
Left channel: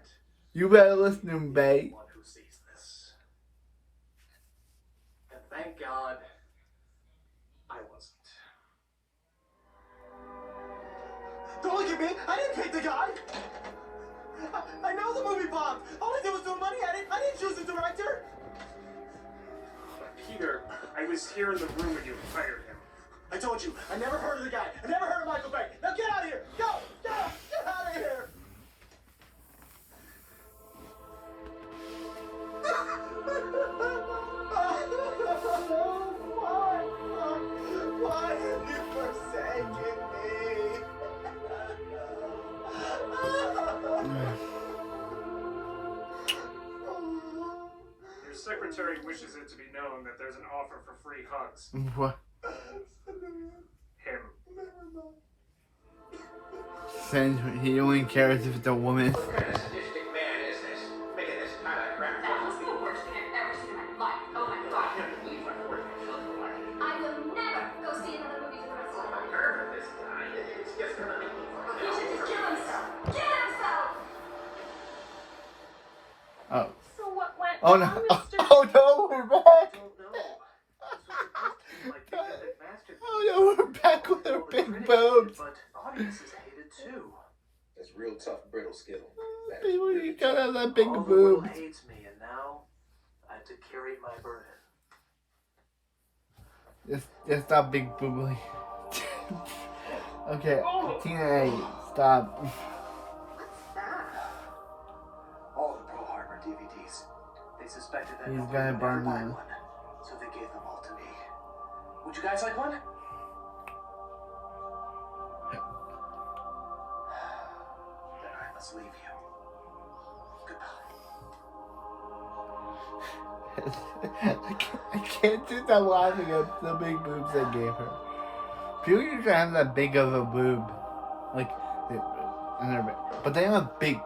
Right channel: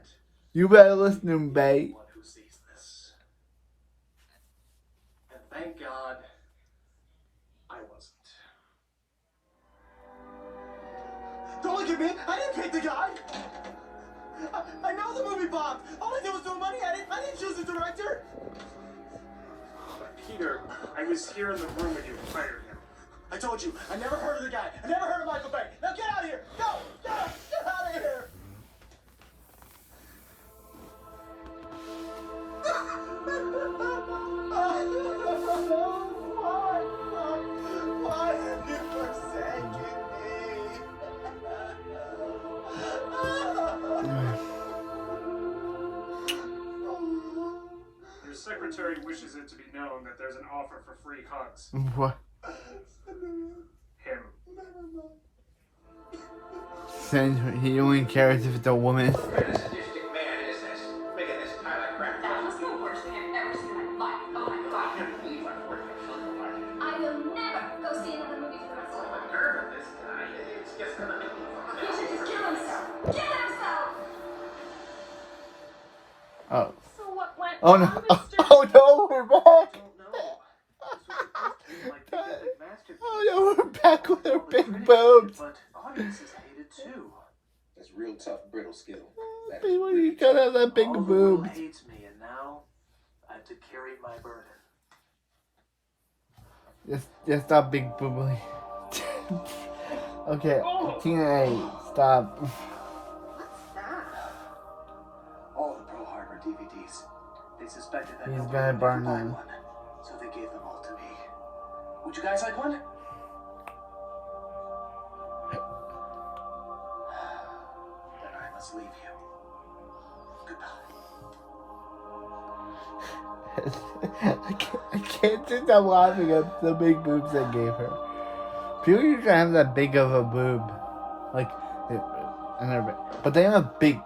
You better listen to him, Bay. One who sees this. And thank God I wasn't. Don't look at me! I didn't pick the guy! I know the movie bombed! All I did was throw money at it! I didn't choose the director! Peter, I was here in the room when you fired him. I told you, I never heard of the guy. I never heard of Michael Bay. Now get out of here! Go! Go! Get out of here! wishes it to be known that there's an offer for free hugs. What? Him. Saying he only cares if it's a woman. That was the worst thing I've ever seen in my life. Oh my god. I will never go see another movie for the rest of my life. He should just kill himself. Kill himself! Oh. So what went Oh no. wrong, Mr. Oh no, we're back. I don't know. This was supposed to be my big epic masterpiece. Oh no, we're back with our All the big critics boobs. hated, but audiences hated too. That's real tough, brittle skill. People, you gotta have that big All the world boobs. hates me, and now I have to carry my burden. Just stop big boobly. Okay, Tina A, stop. What's that? All the Pearl Harbor DVDs. They suspected that He's nobody gonna would ever burn buy them. one, so they gave them all to me. Would you guys like one? Then I must leave you. Goodbye. I can't just stop laughing at the big boobs I gave her. People used to have that big of a boob, like, but they have a big.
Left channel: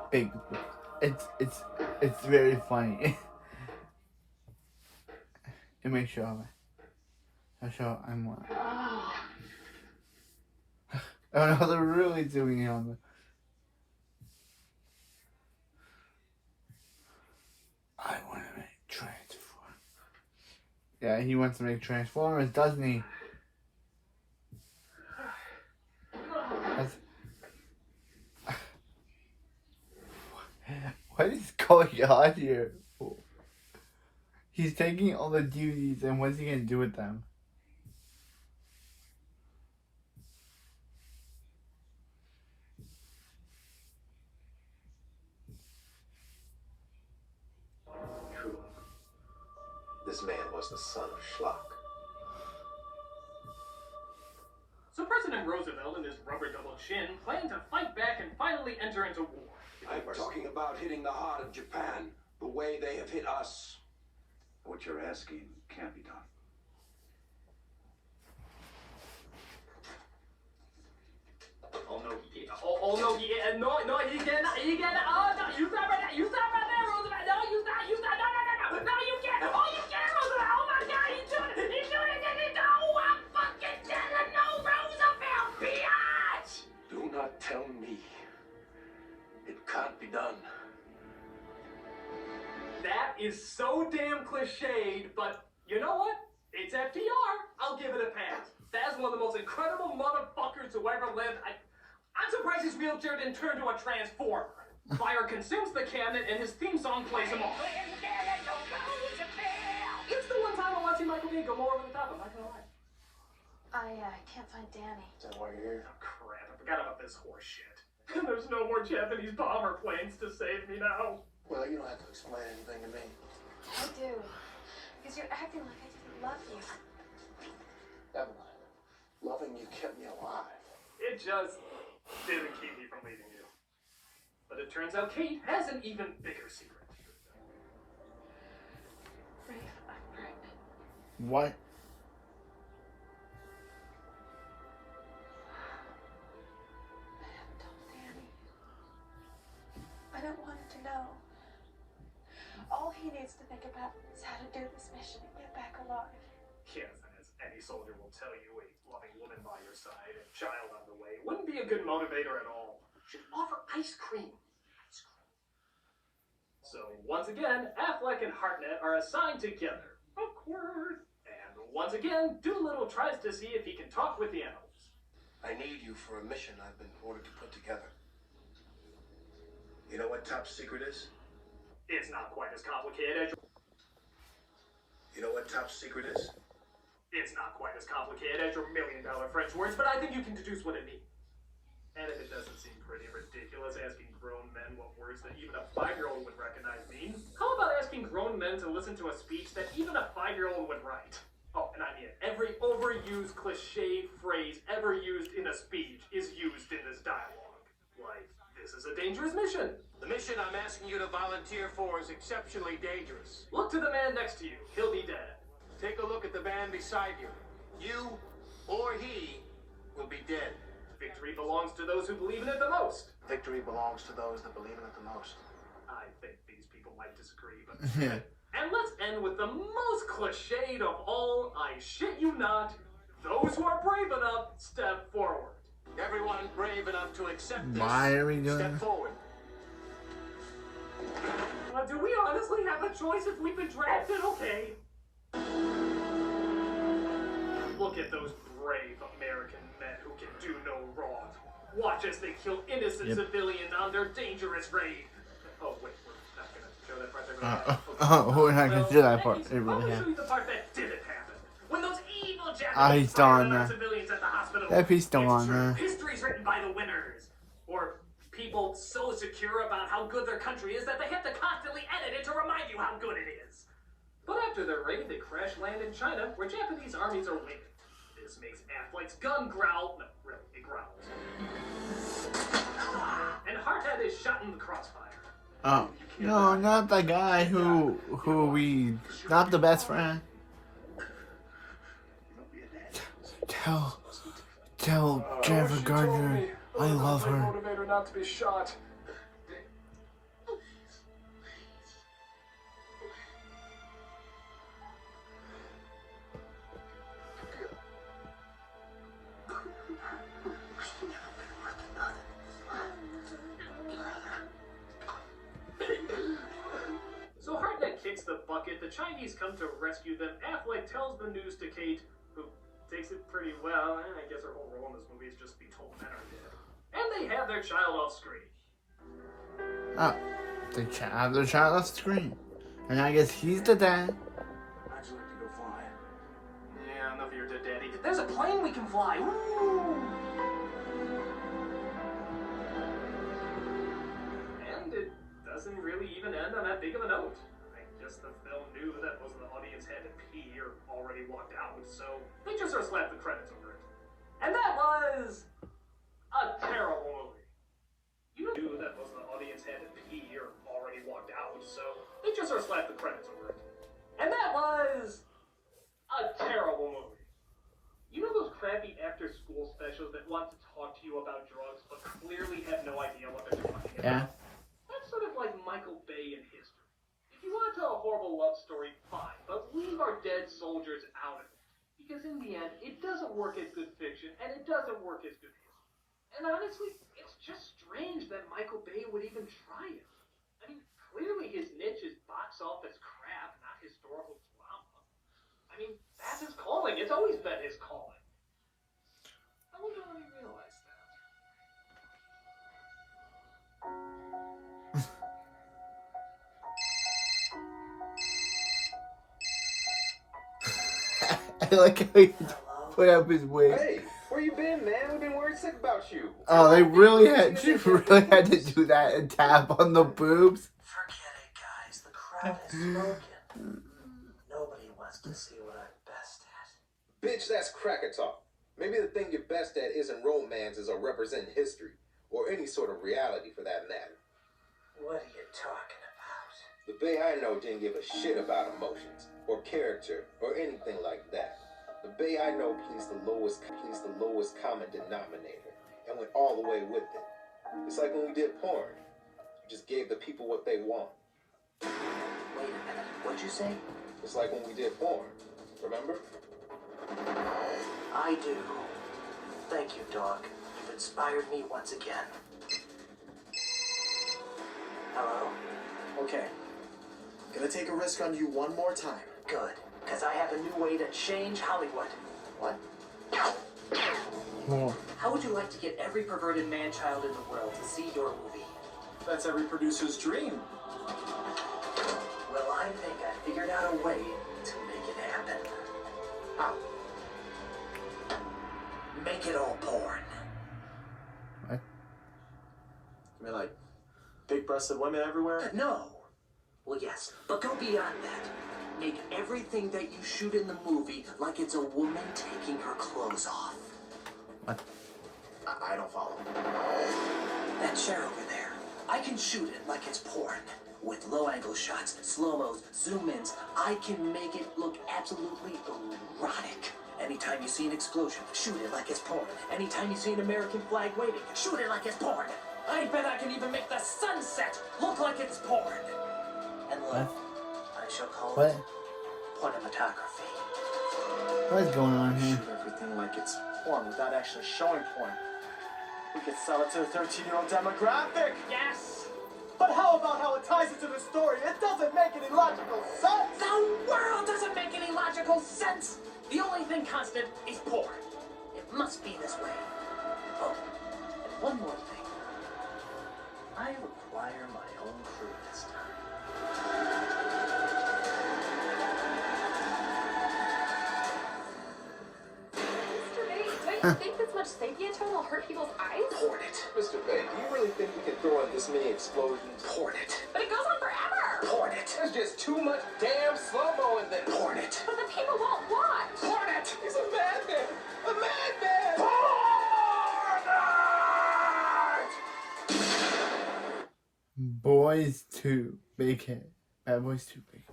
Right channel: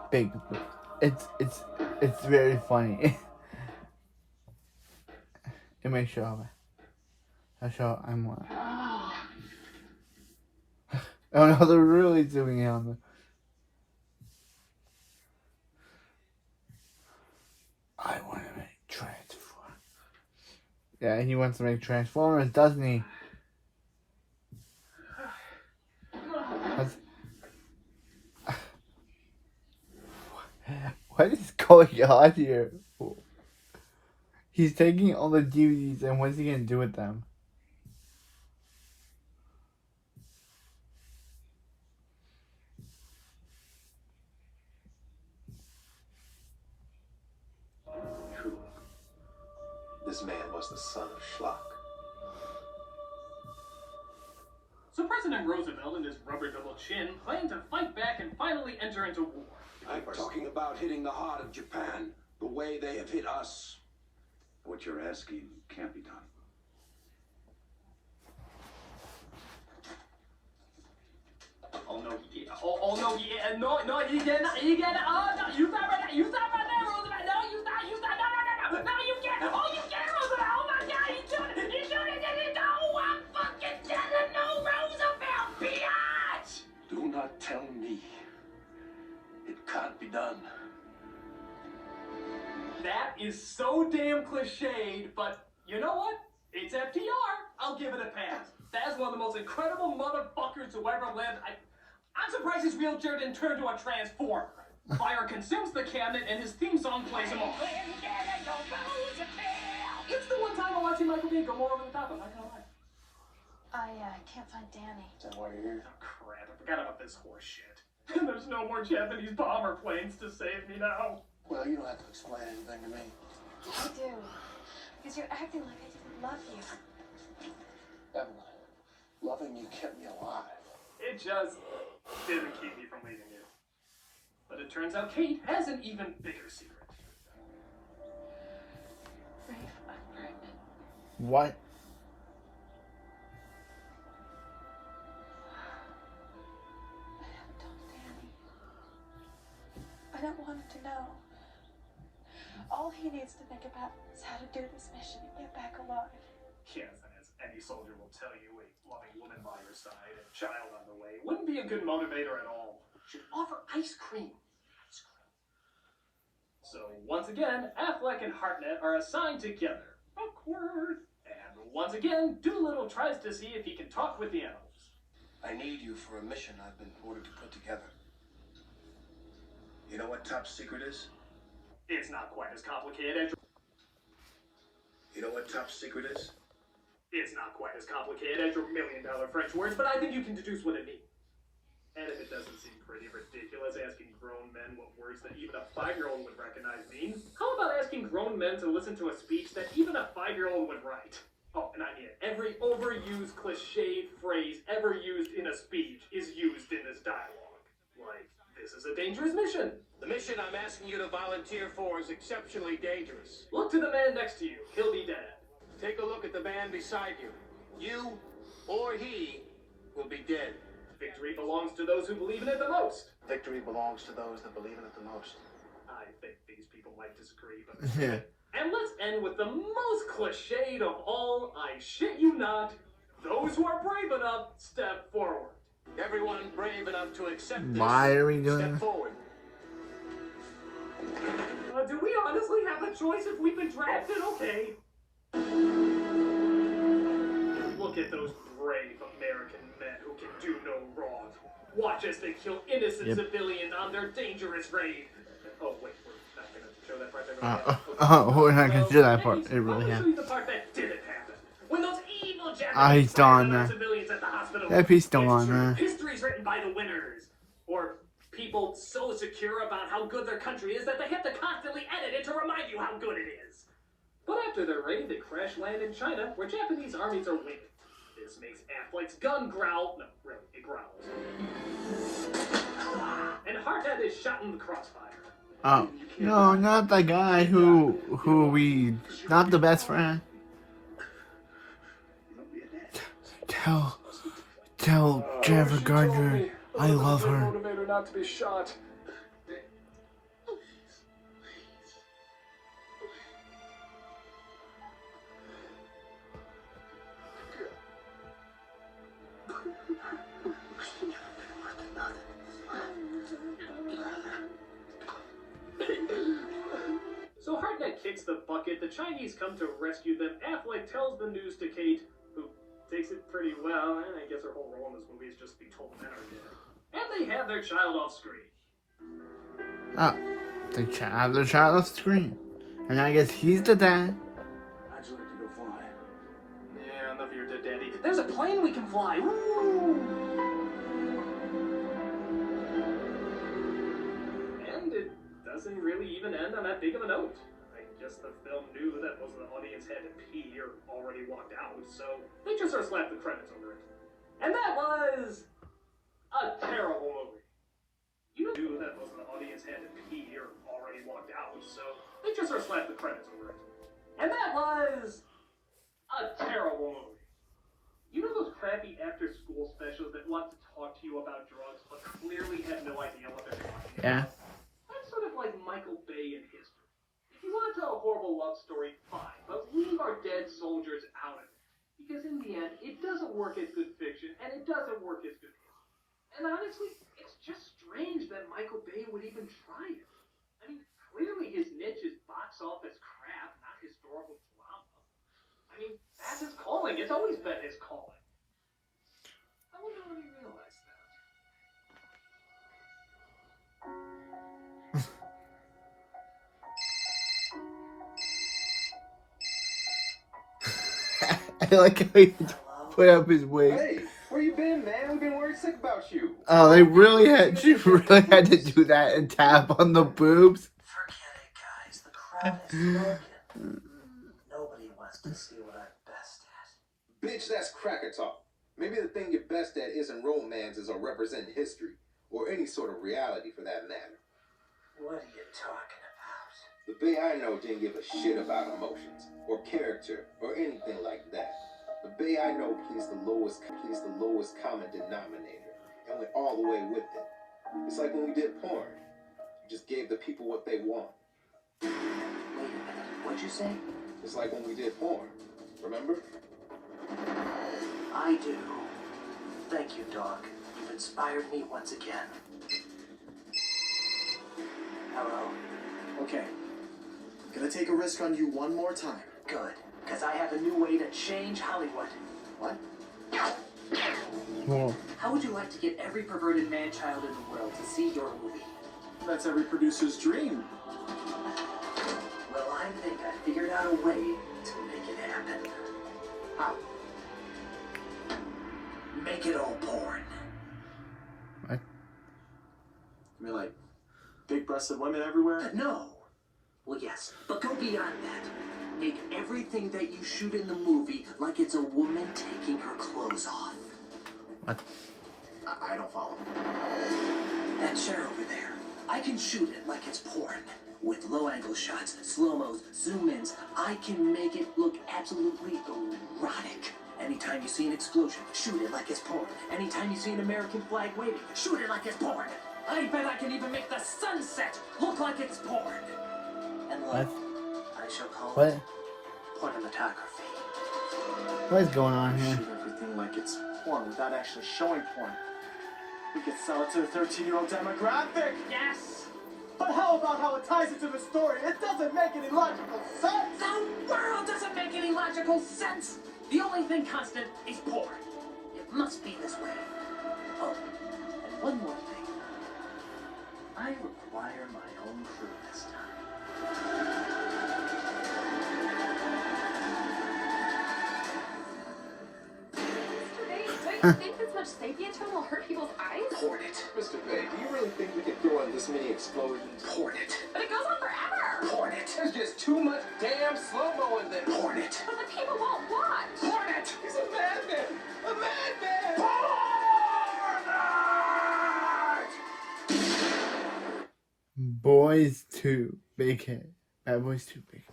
It's very funny. It may show me. I'll show. Oh no, they're really zooming in on me. I want to make Transformers. Yeah, he wants to make Transformers, doesn't he? What is going on here? He's taking all the DVDs and what's he gonna do with them? True. This man was the son of Schlock. So President Roosevelt and his rubber double chin plan to fight back and finally enter into war. I'm talking about hitting the heart of Japan the way they have hit us. What you're asking can't be done. Oh no, yeah. Oh no, yeah. No, you can't. Oh no, you stop right there. You stop right there, Roosevelt. No, you stop. No, you can't. Oh, you can't, Roosevelt. Oh my God, he's doing it. No, I'm fucking telling no, Roosevelt, biatch. Do not tell me it can't be done. That is so damn cliched, but you know what? It's FDR. I'll give it a pass. That's one of the most incredible motherfuckers who ever lived. I'm surprised his wheelchair didn't turn to a transformer. Fire consumes the cabinet and his theme song plays him off. It's the one time I watch Michael Bay go more over the top, I'm not gonna lie. I can't find Danny. Is that why you're here? Oh crap, I forgot about this horse shit. There's no more Japanese bomber planes to save me now. Well, you don't have to explain anything to me. I do. Because you're acting like I didn't love you. Evelyn, loving you kept me alive. It just didn't keep me from leaving you. But it turns out Kate has an even bigger secret. Rafe, I'm pregnant. What? I haven't told Danny. I don't want him to know. All he needs to think about is how to do this mission and get back alive. Yes, and as any soldier will tell you, a loving woman by your side and child on the way wouldn't be a good motivator at all. Should offer ice cream. So once again, Affleck and Hartnett are assigned together. Awkward. And once again, Doolittle tries to see if he can talk with the animals. I need you for a mission I've been ordered to put together. You know what top secret is? It's not quite as complicated as You know what top secret is? It's not quite as complicated as your $1 million French words, but I think you can deduce what it means. And if it doesn't seem pretty ridiculous asking grown men what words that even a 5-year-old would recognize mean, how about asking grown men to listen to a speech that even a 5-year-old would write? Oh, and I mean it. Every overused, cliched phrase ever used in a speech is used in this dialogue. Like, this is a dangerous mission. The mission I'm asking you to volunteer for is exceptionally dangerous. Look to the man next to you. He'll be dead. Take a look at the man beside you. You or he will be dead. Victory belongs to those who believe in it the most. Victory belongs to those that believe in it the most. I think these people might disagree, but... And let's end with the most cliched of all, I shit you not, those who are brave enough, step forward. Everyone brave enough to accept this, Why are we doing? step forward. Do we honestly have a choice if we've been drafted? Okay. Look at those brave American men who can do no wrong. Watch as they kill innocent civilians on their dangerous raid. Oh, wait, we're not going to show that part. We're not going to do that part. I'll show you the part that didn't happen. When those evil Japanese fired on civilians at the hospital. It's true. History's written by the winners. Or people so secure about how good their country is that they have to constantly edit it to remind you how good it is. But after their raid, they crash land in China, where Japanese armies are winning. This makes Affleck's gun growl. No, really, it growls. And Hardhead is shot in the crossfire. Oh, no, not the guy who not the best friend. Tell Jennifer Gardner I love her. Motivator not to be shot. So Hartnett kicks the bucket, the Chinese come to rescue them, Affleck tells the news to Kate, who takes it pretty well, and I guess her whole role in this movie is just to be told men are dead. And they have their child off screen. Oh, they have their child off screen. And I guess he's the dad. How'd you like to go fly? Yeah, enough of your dead daddy. There's a plane we can fly! Woo! And it doesn't really even end on that big of a note. I guess the film knew that most of the audience had to pee or already walked out, so they just sort of slapped the credits over it. And that was a terrible movie. You knew that most of the audience had to pee or already walked out, so they just sort of slapped the credits over it. And that was a terrible movie. You know those crappy after-school specials that want to talk to you about drugs, but clearly have no idea what they're talking about? Yeah. That's sort of like Michael Bay in history. If you want to tell a horrible love story, fine, but leave our dead soldiers out of it. Because in the end, it doesn't work as good fiction, and it doesn't work as good history. And honestly, it's just strange that Michael Bay would even try it. I mean, clearly his niche is box office crap, not historical drama. I mean, that's his calling. It's always been his calling. I wonder when he realized that. I like how he put up his wig. Hey, where you been, man? We've been worried sick about you. Oh, they really had to do that and tap on the boobs. Forget it, guys. The crowd is broken. Nobody wants to see what I'm best at. Bitch, that's cracker talk. Maybe the thing you're best at isn't romances or representing history, or any sort of reality for that matter. What are you talking about? The Bay I know didn't give a shit about emotions, or character, or anything like that. The Bay I know pleased the lowest common denominator, and went all the way with it. It's like when we did porn. You just gave the people what they want. Wait a minute, what'd you say? It's like when we did porn. Remember? I do. Thank you, Doc. You've inspired me once again. Hello? Okay. Gonna take a risk on you one more time. Good, because I have a new way to change Hollywood. What? How would you like to get every perverted man-child in the world to see your movie? That's every producer's dream. Well, I think I figured out a way to make it happen. How? Make it all porn. You mean like big-breasted women everywhere? No. Well, yes, but go beyond that. Make everything that you shoot in the movie like it's a woman taking her clothes off. I don't follow. That chair over there. I can shoot it like it's porn. With low-angle shots, slow-mos, zoom-ins, I can make it look absolutely erotic. Anytime you see an explosion, shoot it like it's porn. Anytime you see an American flag waving, shoot it like it's porn. I bet I can even make the sunset look like it's porn. And look, I shall call it pornomatography. What's going on here? Shoot everything like it's porn without actually showing porn. We could sell it to the 13-year-old demographic. Yes! But how about how it ties into the story? It doesn't make any logical sense! The world doesn't make any logical sense! The only thing constant is porn. It must be this way. Oh, and one more thing. I require my own crew this time. Mr. Bay, don't you think this much sapien tone will hurt people's eyes? Porn it. Mr. Bay, do you really think we can throw in this many explosions? Porn it. But it goes on forever! Porn it. There's just too much damn slow-mo in there. Porn it. But the people won't watch! Porn it. He's a madman! A madman! Boys 2, big hit. Bad Boys 2, big.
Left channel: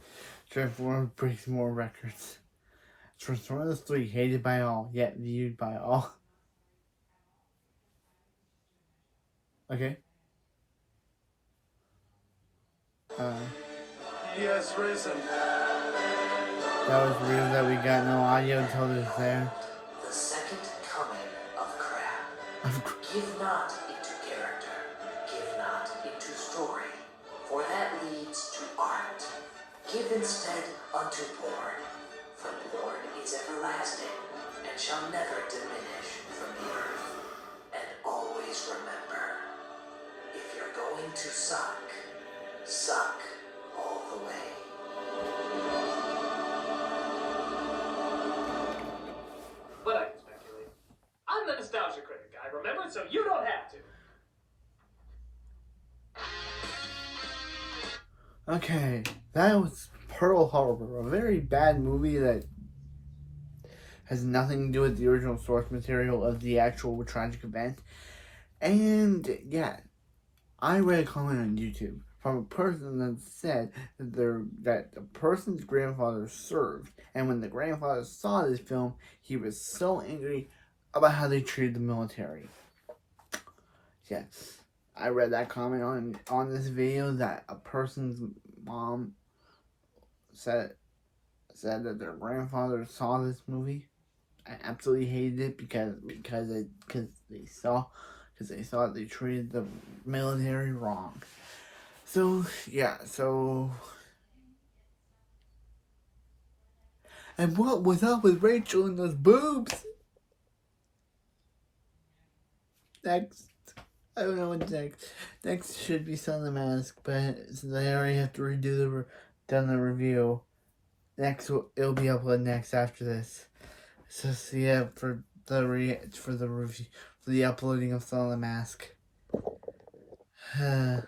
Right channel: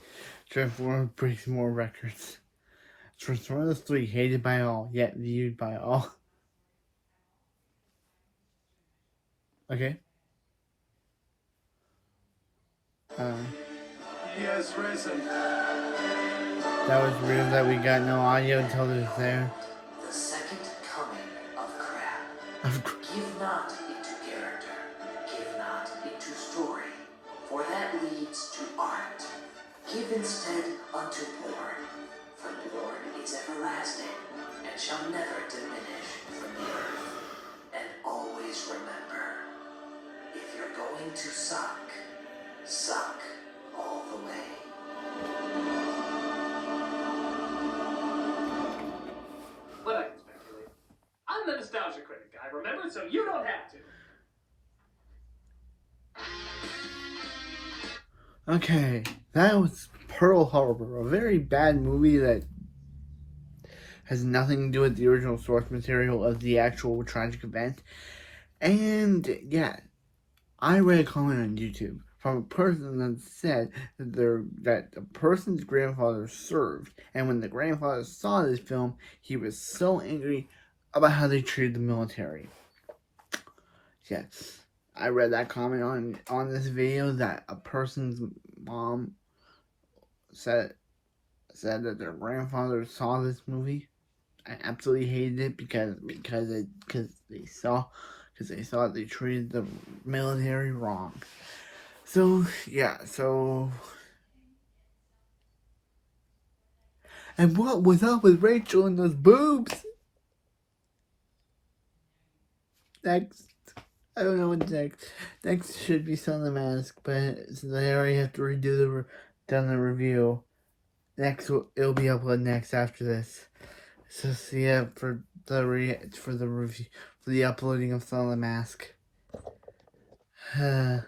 Transformers breaks more records. Transformers 3, hated by all, yet viewed by all. Okay. He has risen. That was weird that we got no audio until it was there. The second coming of Crab. Give not into character. Give not into story. For that leads to art. Give instead unto porn. For porn is everlasting, and shall never diminish from the earth. And always remember, if you're going to suck, suck all the way. But I can speculate. I'm the nostalgia critic guy, remember? So you don't have to. Okay, that was Pearl Harbor, a very bad movie that has nothing to do with the original source material of the actual tragic event. And yeah, I read a comment on YouTube from a person that said that the person's grandfather served, and when the grandfather saw this film, he was so angry about how they treated the military. Yes, I read that comment on this video that a person's mom said that their grandfather saw this movie. I absolutely hated it because they saw they treated the military wrong. So yeah, and what was up with Rachel and those boobs? Next, I don't know what's next. Next should be Son of the Mask, but since I already have to redo the review, it'll be uploaded next after this. So see ya for the review for the uploading of Son of the Mask.